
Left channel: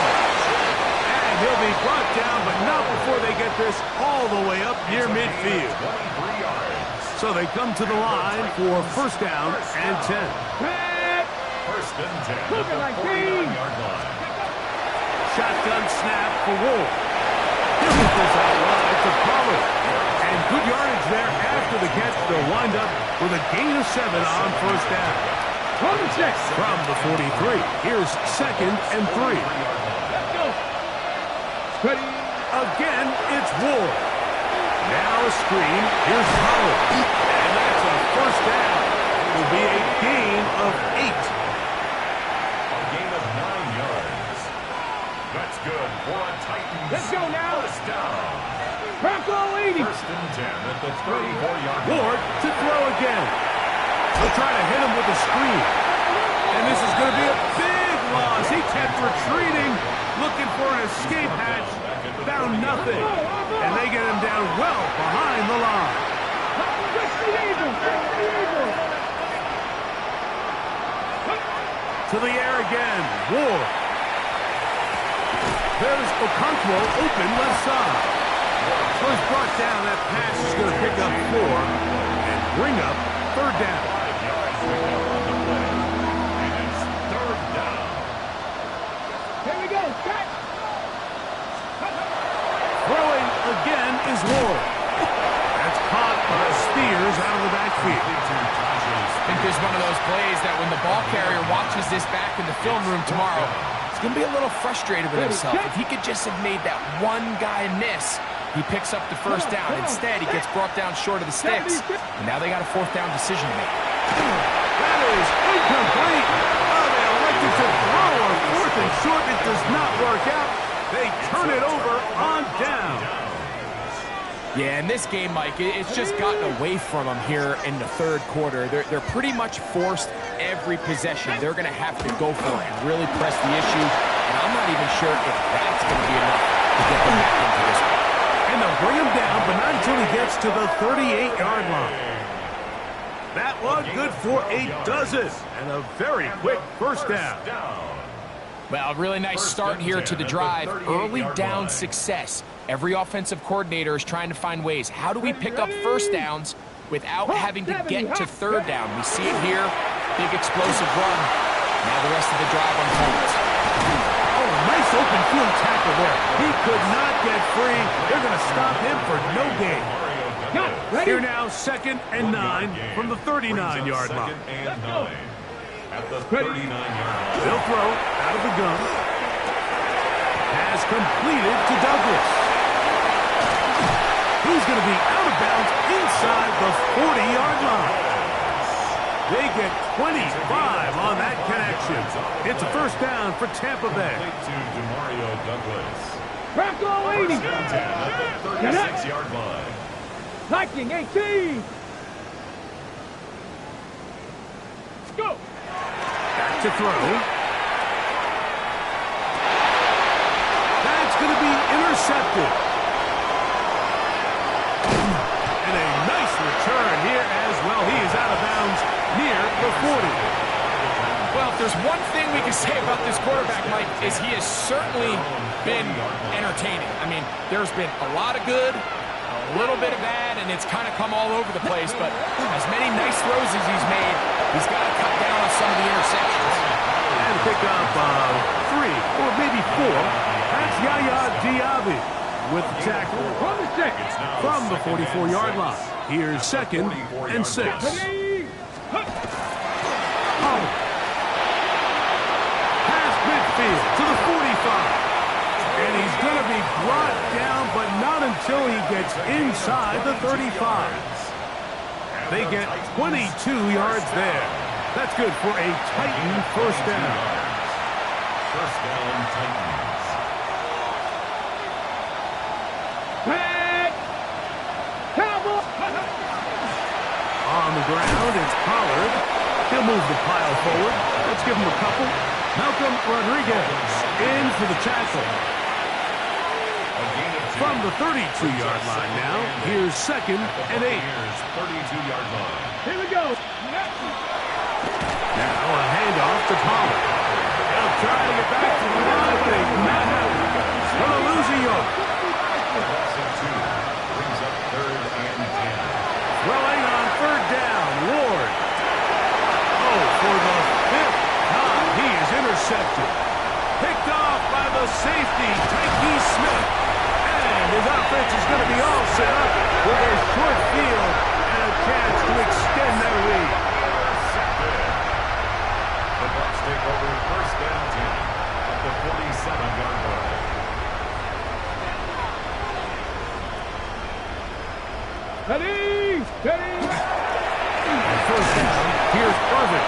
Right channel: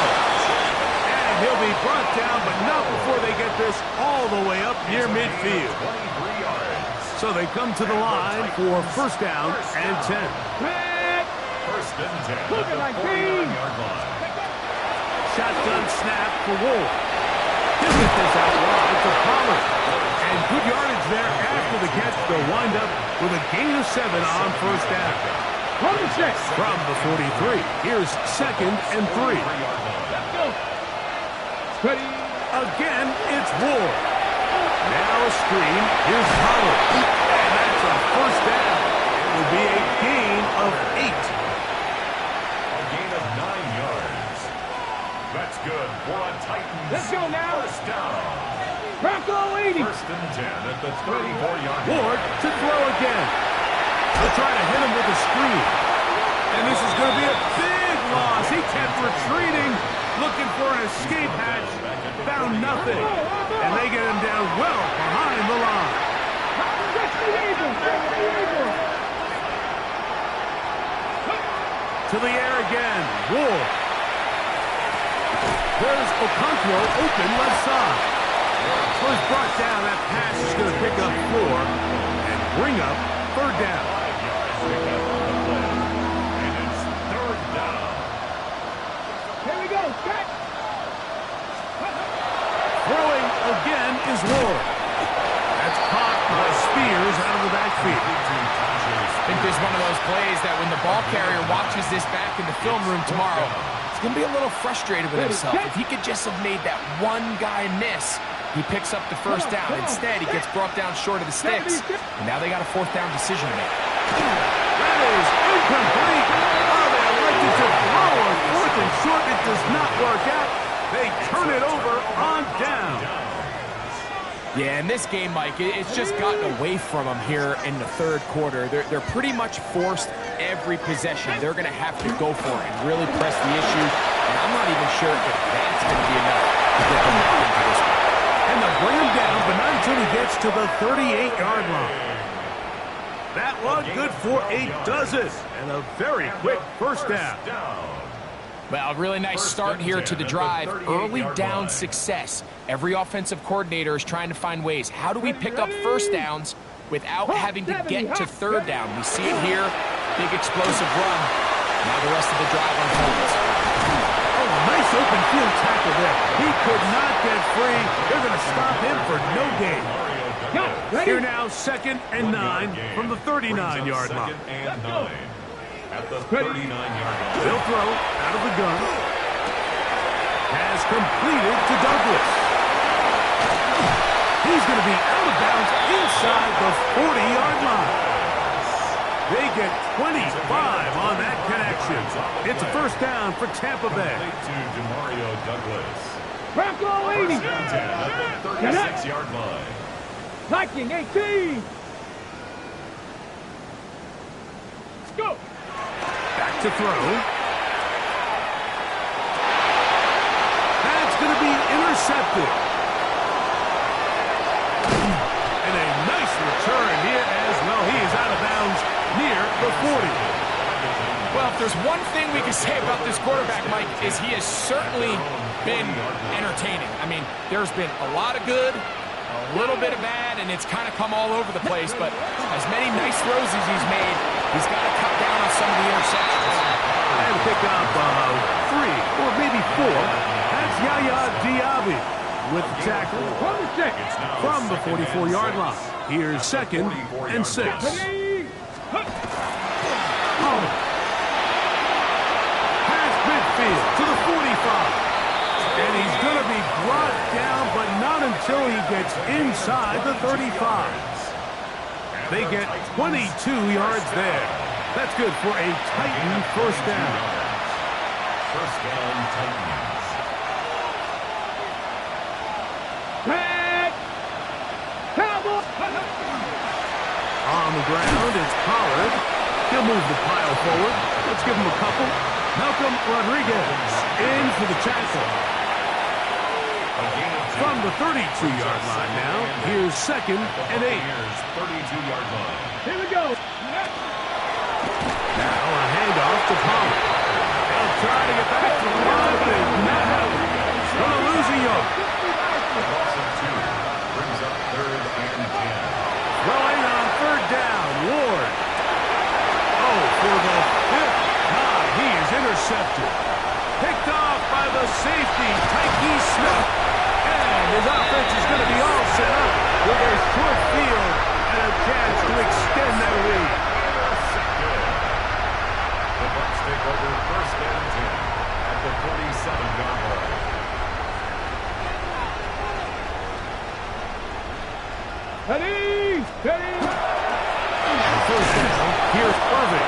And he'll be brought down, but not before they get this all the way up near midfield. 23 yards. So they come to the line for first down and 10. First and 10 at Look at the my 49-yard line. Shotgun snap for Wolf. He'll get this out wide to Pollard. And good yardage there after the catch. They'll wind up with a gain of 7 on first down. Hold the check. From the 43, here's 2nd and 3. Let's go. Ready. Again, it's Ward. Now a screen. Here's Pollard. And that's a first down. It will be a gain of 8. A gain of 9 yards. That's good for a Titans. Let's go now. First down. Bronco 80. First and 10 at the 34-yard line. Ward to throw again. They'll try to hit him with a screen. And this is going to be a big loss. He kept retreating, looking for an escape hatch. Found nothing. And they get him down well behind the line. Fix the Eagles. Fix the Eagles. To the air again. Ward. There's Okonkwo open left side. So he's brought down. That pass is going to pick up 4 and bring up third down. 5 yards picked up on the play. And it's third down. Here we go. Check. Throwing again is Ward. That's caught by Spears out of the backfield. I think there's one of those plays that when the ball carrier watches this back in the film room tomorrow, he's going to be a little frustrated with himself. If he could just have made that one guy miss, he picks up the first down. Instead, he gets brought down short of the sticks. And now they got a fourth down decision to make. That is incomplete. Oh, they elected to throw on fourth and short. It does not work out. They turn it over on down. Yeah, in this game, Mike, it's just gotten away from them here in the third quarter. They're pretty much forced every possession. They're going to have to go for it and really press the issue. And I'm not even sure if that's going to be enough to get them back into this one. And they'll bring him down, but not until he gets to the 38-yard line. That one good for a dozen. And a very quick first down. Well, a really nice start here to the drive. Early down success. Every offensive coordinator is trying to find ways. How do we pick up first downs without having to get to third down? We see it here. Big explosive run. Now the rest of the drive unfolds. Oh, nice open field tackle there. He could not get free. They're going to stop him for no gain. Here now, 2nd and 9 from the 39-yard line. At the 39-yard line. They'll throw out of the gun. Has completed to Douglas. He's going to be out of bounds inside the 40-yard line. They get 25 on that connection. It's a first down for Tampa Bay. To DeMario Douglas. Bronco 80. First and 10 at the 36-yard line. Viking 18. Go. Back to throw. That's going to be intercepted. And a nice return here as well. He is out of bounds near the 40. Well, if there's one thing we can say about this quarterback, Mike, is he has certainly been entertaining. I mean, there's been a lot of good A little bit of bad, and it's kind of come all over the place, but as many nice throws as he's made, he's got to cut down on some of the interceptions. And pick up 3 or maybe 4. That's Yaya Diaby with the tackle from the 44-yard line. Here's 2nd and 6. Past midfield to the 45. And he's going to be brought down, but not until he gets inside the 35. They get 22 yards there. That's good for a Titan first down. First down, Titans. Back! Cowboy! On the ground, it's Pollard. He'll move the pile forward. Let's give him a couple. Malcolm Rodriguez in for the tackle. From the 32-yard line now, here's 2nd and 8. 32-yard line. Here we go. Now a handoff to Pollard. He'll try to get back to the line, but he's not having it. Going to lose a yard. A loss of 2 brings up 3rd and 10. Throwing on 3rd down, Ward. Oh, for the 5th time, he is intercepted. Picked off by the safety, Tyke Smith. And his offense is going to be all set up with a short field and a chance to extend their lead. The Bucs take over 1st and 10 at the 47-yard line. Ready! Ready! On 1st down, here's Irvin.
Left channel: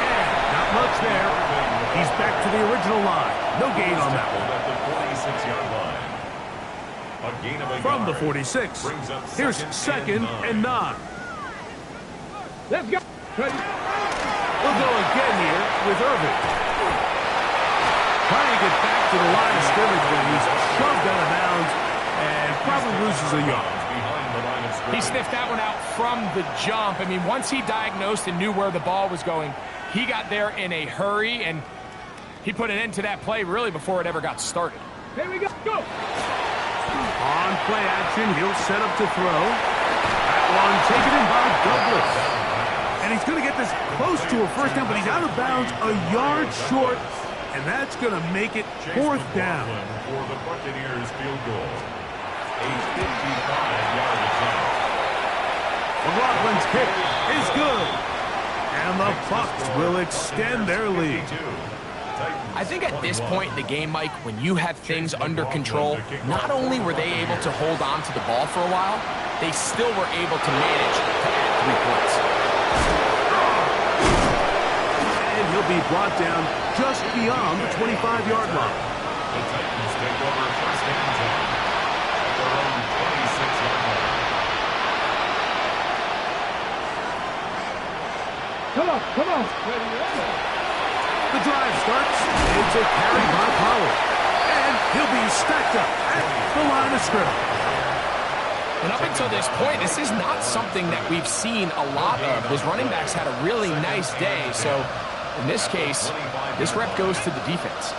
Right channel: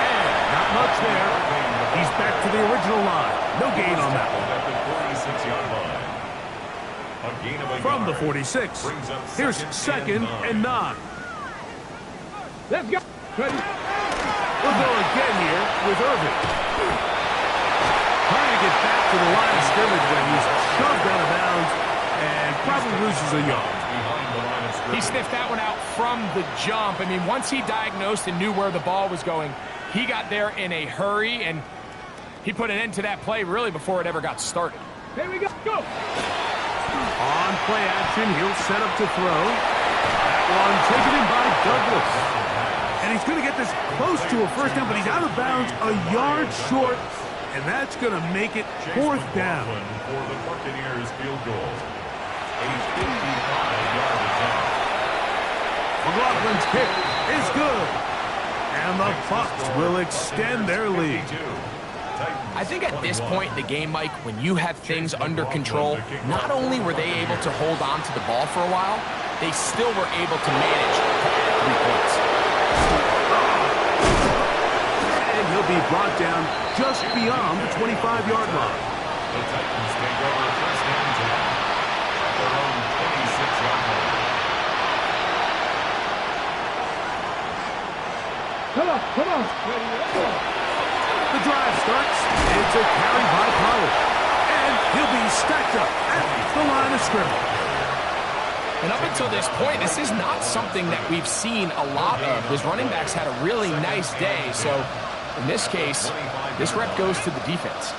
And not much there. He's back to the original line. No gain on that one. At the 46-yard line. A gain of a From the yard 46, brings up here's 2nd and 9. Let's go! Ready! We'll go again here with Irvin. Trying to get back to the line of scrimmage when he's shoved out of bounds and probably loses a yard. Behind the line of scrimmage. He sniffed that one out from the jump. I mean, once he diagnosed and knew where the ball was going, he got there in a hurry, and he put an end to that play really before it ever got started. Here we go! Go! On play action, he'll set up to throw. That one taken in by Douglas. And he's going to get this close to a first down, but he's out of bounds a yard short, and that's going to make it 4th down. For the Buccaneers field goal. A 55-yard attempt. McLaughlin's kick is good. And the Bucs will extend their lead. I think at this point in the game, Mike, when you have things under control, not only were they able to hold on to the ball for a while, they still were able to manage to add 3 points. And he'll be brought down just beyond the 25-yard line. The Titans take over 1st and 10 at their own 26-yard line. Come on, come on! Ready, The drive starts. It's a carry by Pollard. And he'll be stacked up at the line of scrimmage. And up until this point, this is not something that we've seen a lot of. His running backs had a really nice day. So in this case, this rep goes to the defense.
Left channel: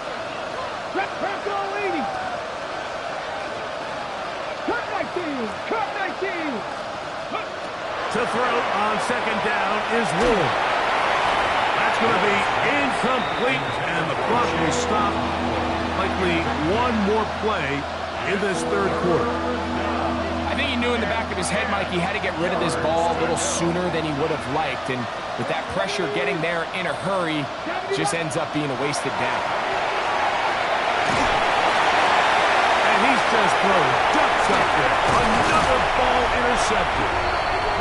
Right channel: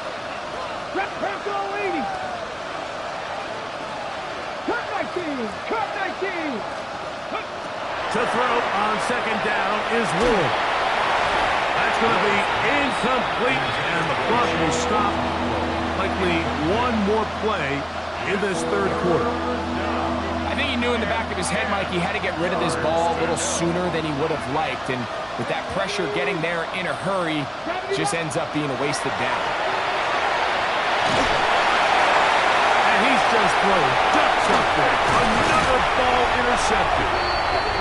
Rep all 80! Cut 19! Cut 19! To throw on 2nd down is Ward. That's going to be incomplete, and the clock will stop. Likely one more play in this 3rd quarter. I think he knew in the back of his head, Mike, he had to get rid of this ball a little sooner than he would have liked. And with that pressure getting there in a hurry, it just ends up being a wasted down. And he's just throwing ducks up there. Another ball intercepted.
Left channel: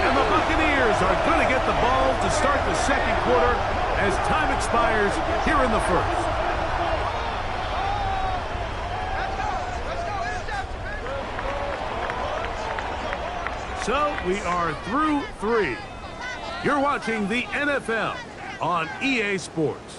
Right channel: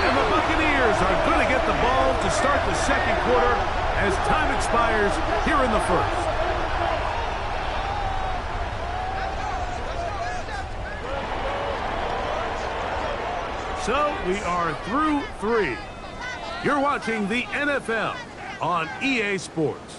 And the Buccaneers are going to get the ball to start the 2nd quarter as time expires here in the 1st. So we are through 3. You're watching the NFL on EA Sports.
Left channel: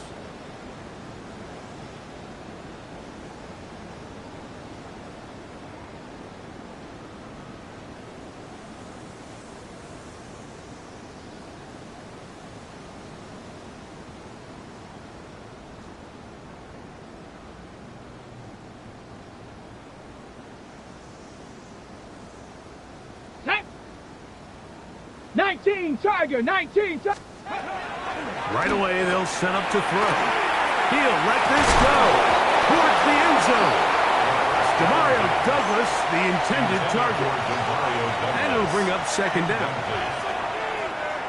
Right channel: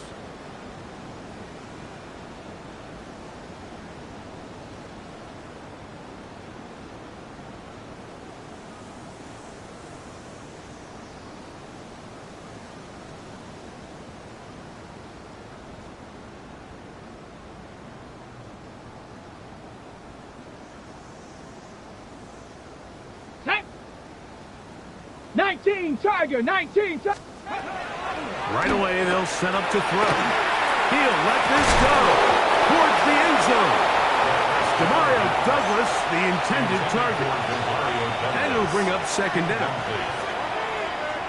19 Tiger, 19 Tiger. Right away, they'll set up to throw. He'll let this go towards the end zone. Demario Douglas, the intended target. And it'll bring up second down.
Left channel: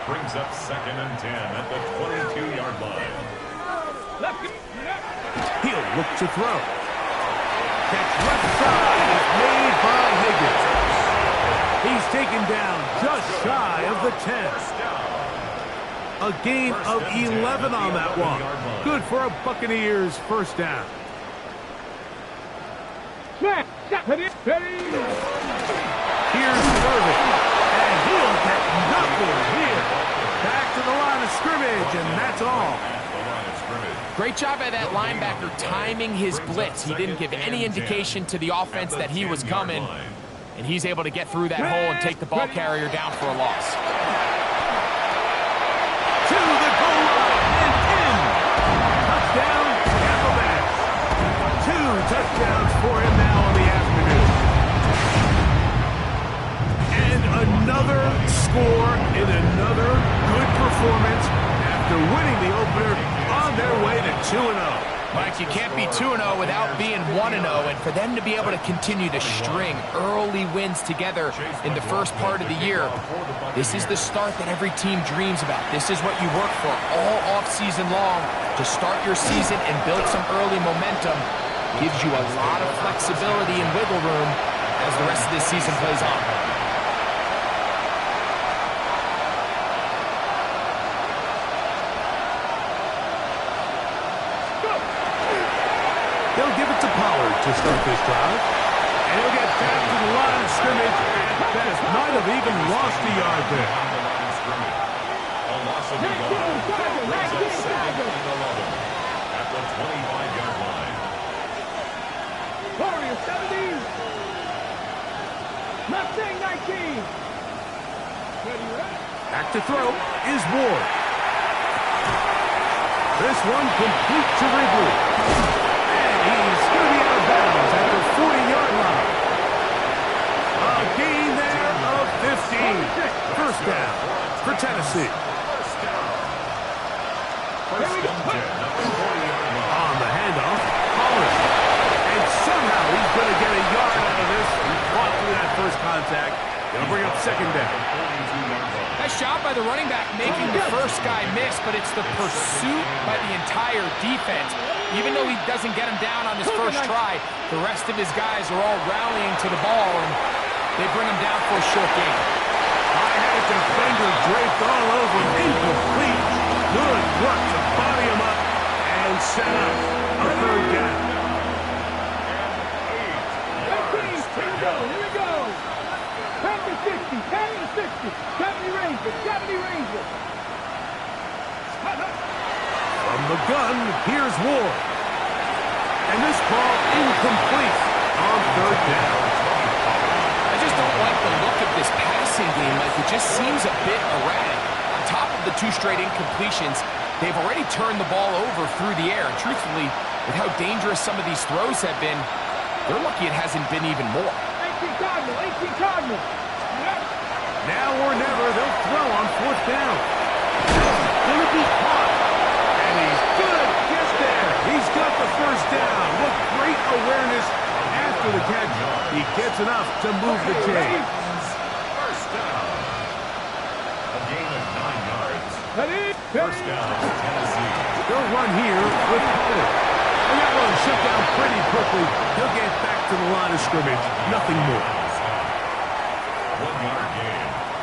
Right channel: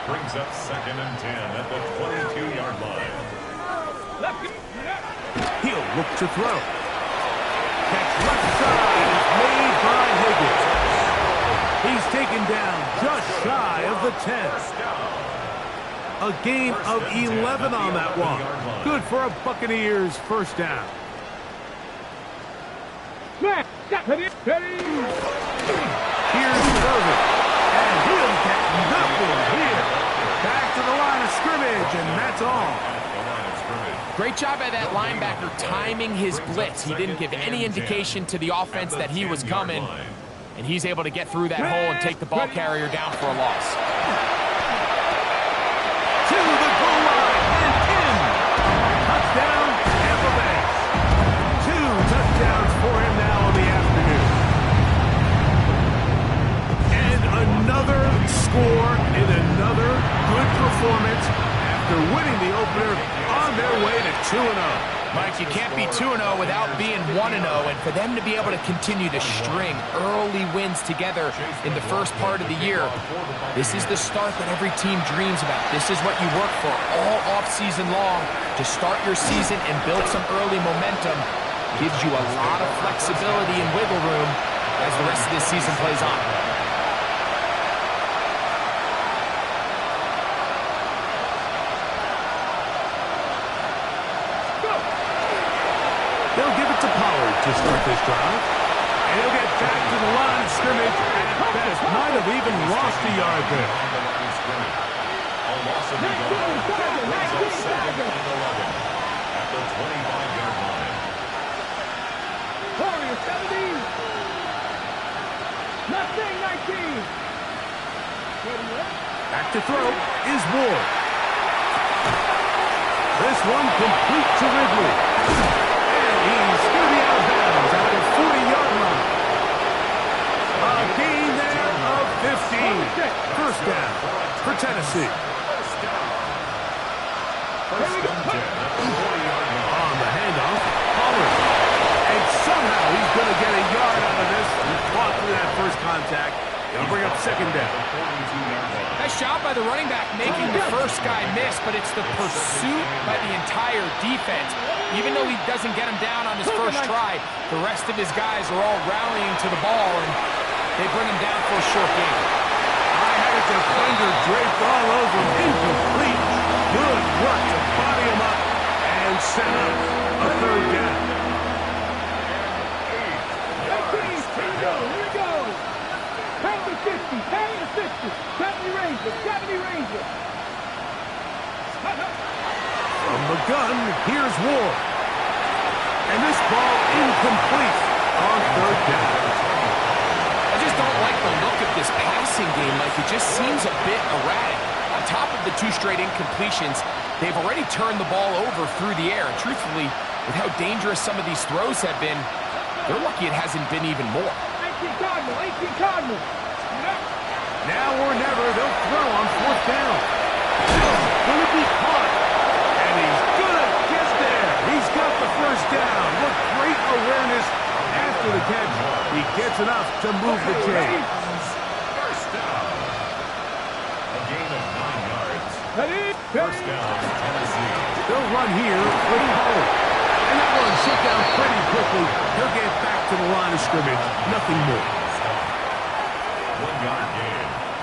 Brings up 2nd and 10 at the 22-yard line. He'll look to throw. Catch left side is made by Higgins. He's taken down just shy of the 10. A gain of 11 on that one. Good for a Buccaneers first down. Here's Irvin. And he'll get nothing here. Back to the line of scrimmage, and that's all. Great job by that linebacker timing his blitz. He didn't give any indication to the offense that he was coming, and he's able to get through that hole and take the ball carrier down for a loss. To the goal line and in. Touchdown, Tampa Bay. 2 touchdowns for him now on the afternoon. And another score in another good performance after winning the opener on their way to 2-0. Mike, you can't be 2-0 without being 1-0, and for them to be able to continue to string early wins together in the first part of the year, this is the start that every team dreams about. This is what you work for all offseason long to start your season and build some early momentum. Gives you a lot of flexibility and wiggle room as the rest of this season plays on. They'll give it to Pollard to start this drive. And he'll get back to the line of scrimmage at best. Might have even lost a yard there. A loss of a yard brings up 2nd and 11 at the 25-yard line. Warriors 70. Mustang 19. Back to throw is Ward. This one complete to Ridley. He's going to be out of bounds at the 40-yard line. A gain there of 15. First down for Tennessee. First and 10 at the 40-yard line. On the handoff, Pollard. And somehow he's going to get a yard out of this. He fought through that first contact. It'll bring up second down. Nice job by the running back making the first guy miss, but it's the pursuit by the entire defense. Even though he doesn't get him down on his first try, the rest of his guys are all rallying to the ball, and they bring him down for a short gain. I had a defender draped all over him. Incomplete. Good work to body him up and set up a third down. Here we go. 10 to 60, 10 to 60. 70 Rangers, 70 Rangers. From the gun, here's Ward. And this ball incomplete on third down. I just don't like the look of this passing game. Like, it just seems a bit erratic. On top of the 2 straight incompletions, they've already turned the ball over through the air. And truthfully, with how dangerous some of these throws have been, they're lucky it hasn't been even more. 18 Cardinal, 18 Cardinal. Now or never, they'll throw on fourth down. Gonna be caught. And he's gonna get there. He's got the first down. What great awareness after the catch. He gets enough to move the chains. First down. A gain of 9 yards. First down, Tennessee. They'll run here with Pollard. And that one shut down pretty quickly. He'll get back to the line of scrimmage. Nothing more. 1 yard gain.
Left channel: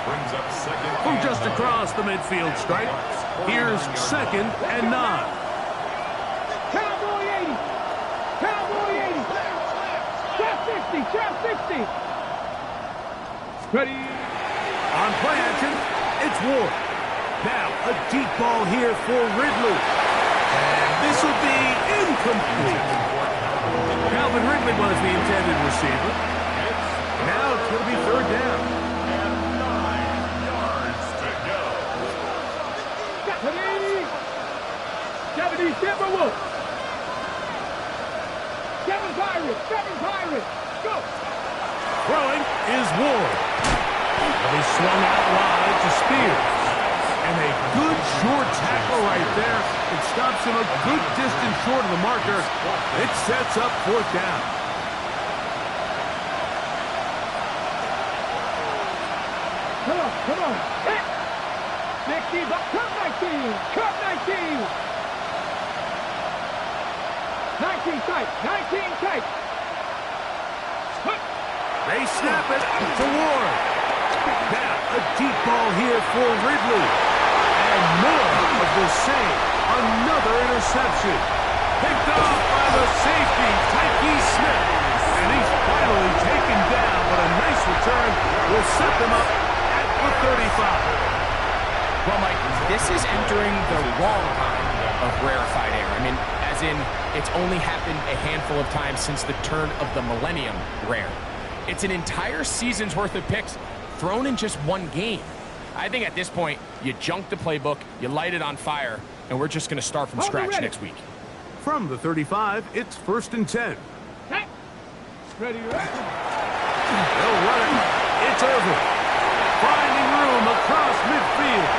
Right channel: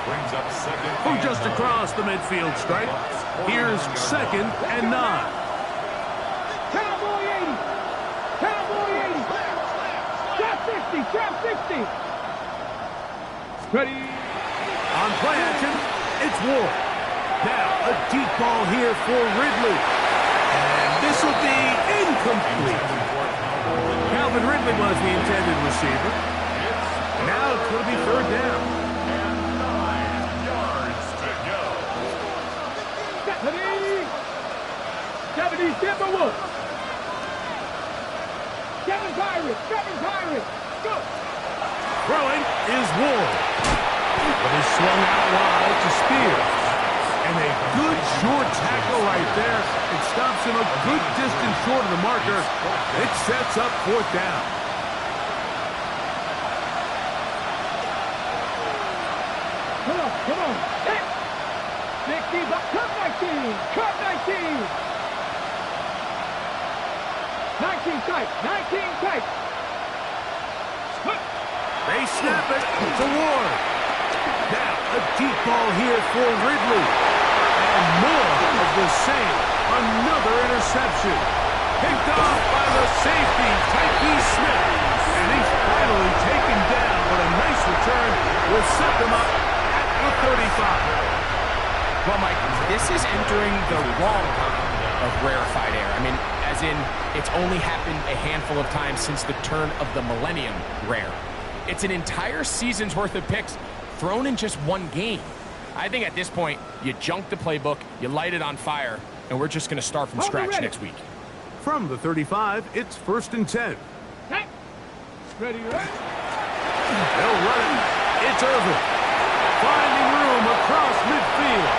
Brings up second. From just across the midfield stripe, here's 2nd and 9. Cowboy 80. Cowboy 80. Trap 60. Trap 60. Ready. On play action, it's Ward. Now, a deep ball here for Ridley. And this will be incomplete. Calvin Ridley was the intended receiver. Now it's going to be third down. And 9 yards to go. 70 Timberwolves. 7 Pirates. 7 Pirates. Go. Throwing is Ward. But he swung out wide to Spears. And a good short tackle right there. It stops him a good distance short of the marker. It sets up 4th down. Come on. Hit. 60, cut 19. Cut 19. 19 tight. 19 tight. They snap it to Ward. Now, a deep ball here for Ridley. And more of the same. Another interception. Picked off by the safety, Tyke Smith. And he's finally taken down, but a nice return will set them up at the 35. Well, Mike, this is entering the wrong kind of rarefied air. I mean, as in, it's only happened a handful of times since the turn of the millennium rare. It's an entire season's worth of picks thrown in just one game. I think at this point, you junk the playbook, you light it on fire, and we're just going to start from scratch next week. From the 35, it's 1st and 10. Ready. They'll run it. It's Irvin. Finding room across midfield.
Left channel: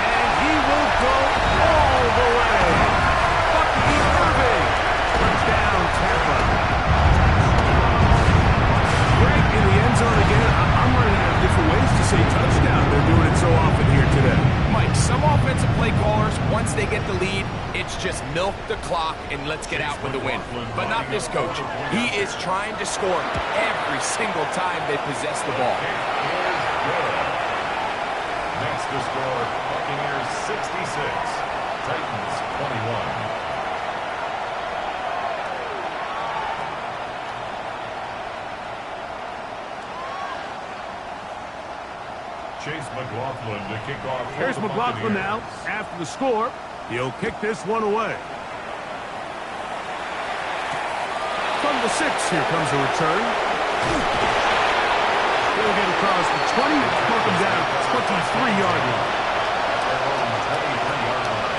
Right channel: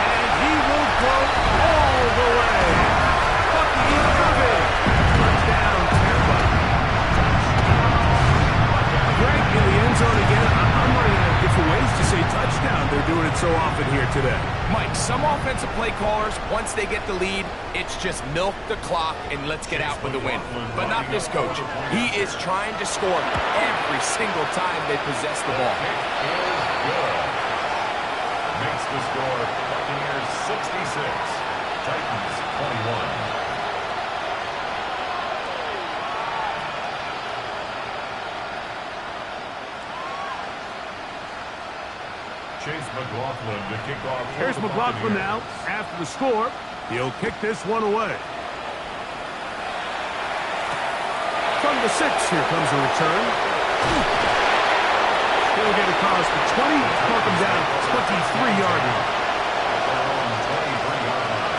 And he will go all the way. Bucky Irving. Touchdown, Tampa. Greg in the end zone again. I'm running out of different ways to say touchdown. They're doing it so often here today. Mike, some offensive play callers, once they get the lead, it's just milk the clock and let's get out with the win. But not this coach. He is trying to score every single time they possess the ball. Kick is good. Makes the score Buccaneers 66, Titans 21. Chase McLaughlin to kick off. Here's McLaughlin now. After the score, he'll kick this one away. From the 6, here comes a return. He'll get across the 20, mark him down 23-yard line. At their own 23-yard line.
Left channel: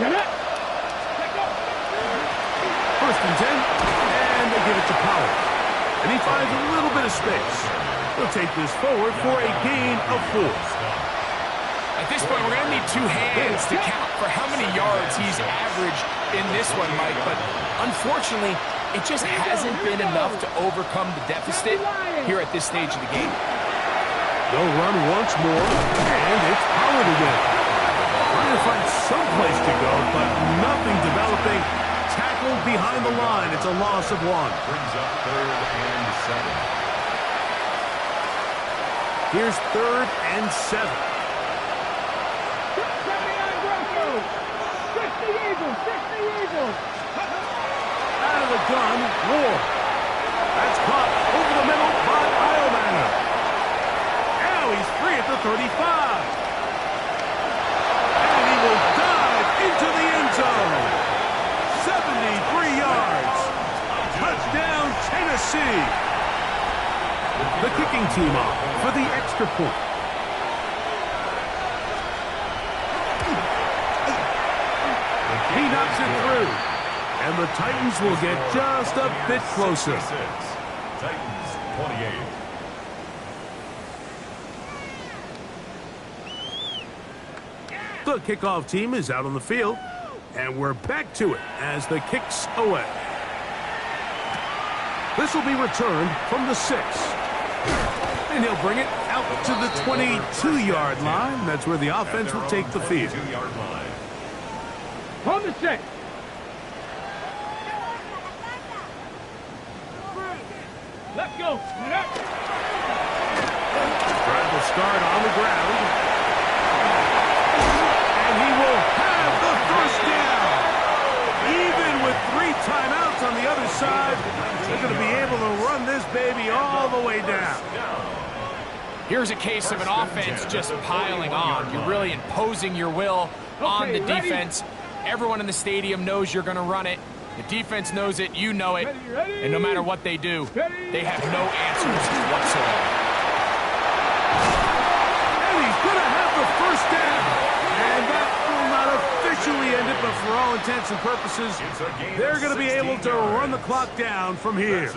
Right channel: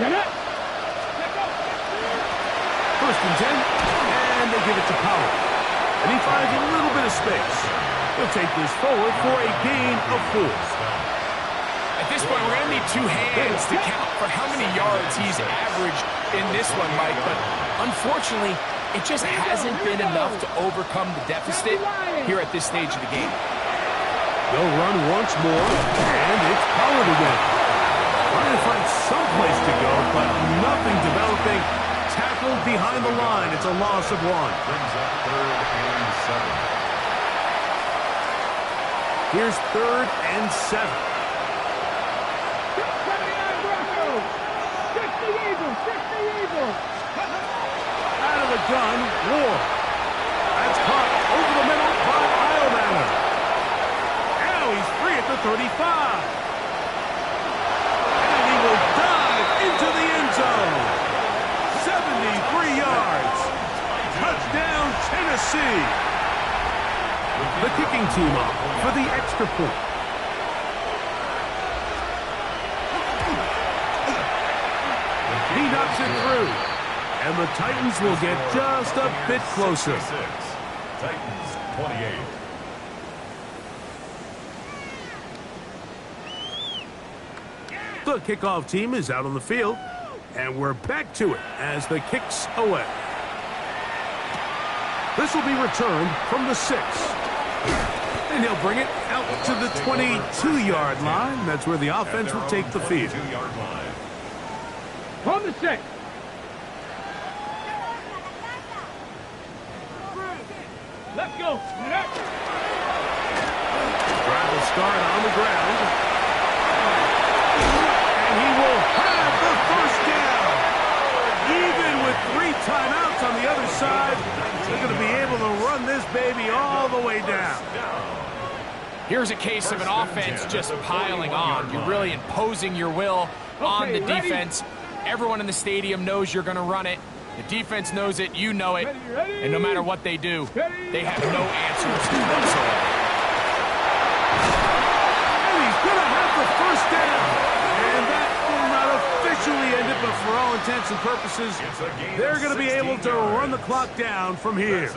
Get it. 1st and 10, and they give it to Powell. And he finds a little bit of space. He'll take this forward for a gain of 4. At this point, we're going to need 2 hands to count for how many yards he's averaged in this one, Mike. But unfortunately, it just hasn't been enough to overcome the deficit here at this stage of the game. They'll run once more, and it's Pollard again. Trying to find some place to go, but nothing developing. Tackled behind the line. It's a loss of 1. Brings up 3rd and 7. Here's 3rd and 7. 79 Broncos. 60 Eagles. 60 Eagles. Out of the gun, Ward. That's caught over the middle by Eilmanner. Now he's free at the 35. And he will dive into the end zone. 73 yards. Touchdown, Tennessee. The kicking team off for the extra point. He knocks it through. And the Titans will get just a bit closer. Titans 28. The kickoff team is out on the field. And we're back to it as the kick's away. This will be returned from the 6. And he'll bring it out to the 22-yard line. That's where the offense will take the field. On the 6. Let's go. Drive will start on the ground. And he will have the first down. Even with 3 timeouts on the other side, they're going to be able to run this baby all the way down. Here's a case of an offense just piling on. You're really imposing your will on the defense. Everyone in the stadium knows you're going to run it. The defense knows it, you know it. And no matter what they do, they have no answers whatsoever. going to have the first down. And that will not officially end it, but for all intents and purposes, they're going to be able to run the clock down from here.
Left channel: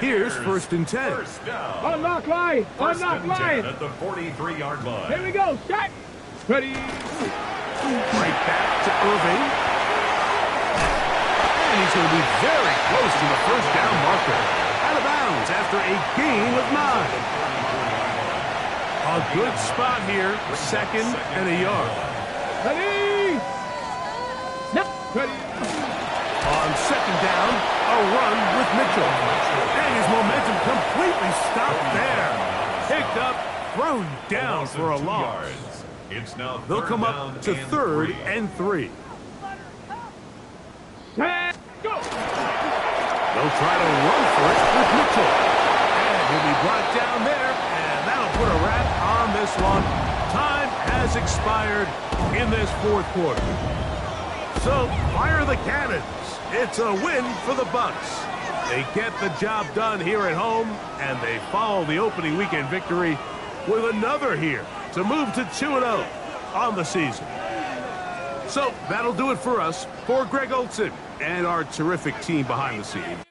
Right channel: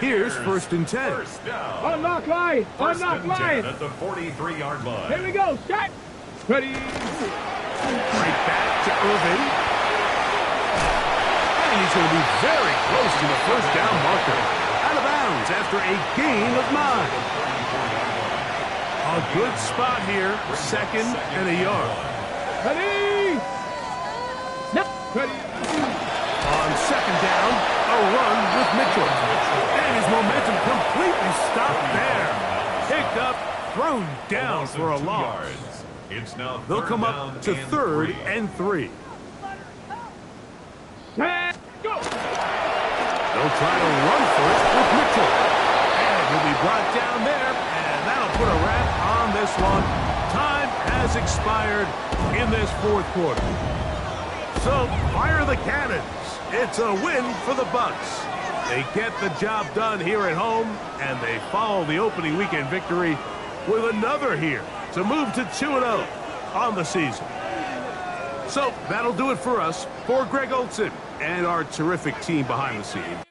Here's 1st and 10. Unlock line. Unlock line. At the 43-yard line. Here we go. Set. Ready. Right back to Irving. And he's going to be very close to the first down marker. Out of bounds after a gain of 9. A good spot here. 2nd and a yard. Ready. No. Ready. On 2nd down, a run with Mitchell. And his momentum completely stopped there. Picked up, thrown down for a loss. They'll come up to 3rd and 3. Set. Go. They'll try to run for it with Mitchell. And he'll be brought down there, and that'll put a wrap on this one. Time has expired in this 4th quarter. So, fire the cannons. It's a win for the Bucs. They get the job done here at home, and they follow the opening weekend victory with another here to move to 2-0 on the season. So, that'll do it for us. For Greg Olson and our terrific team behind the scenes.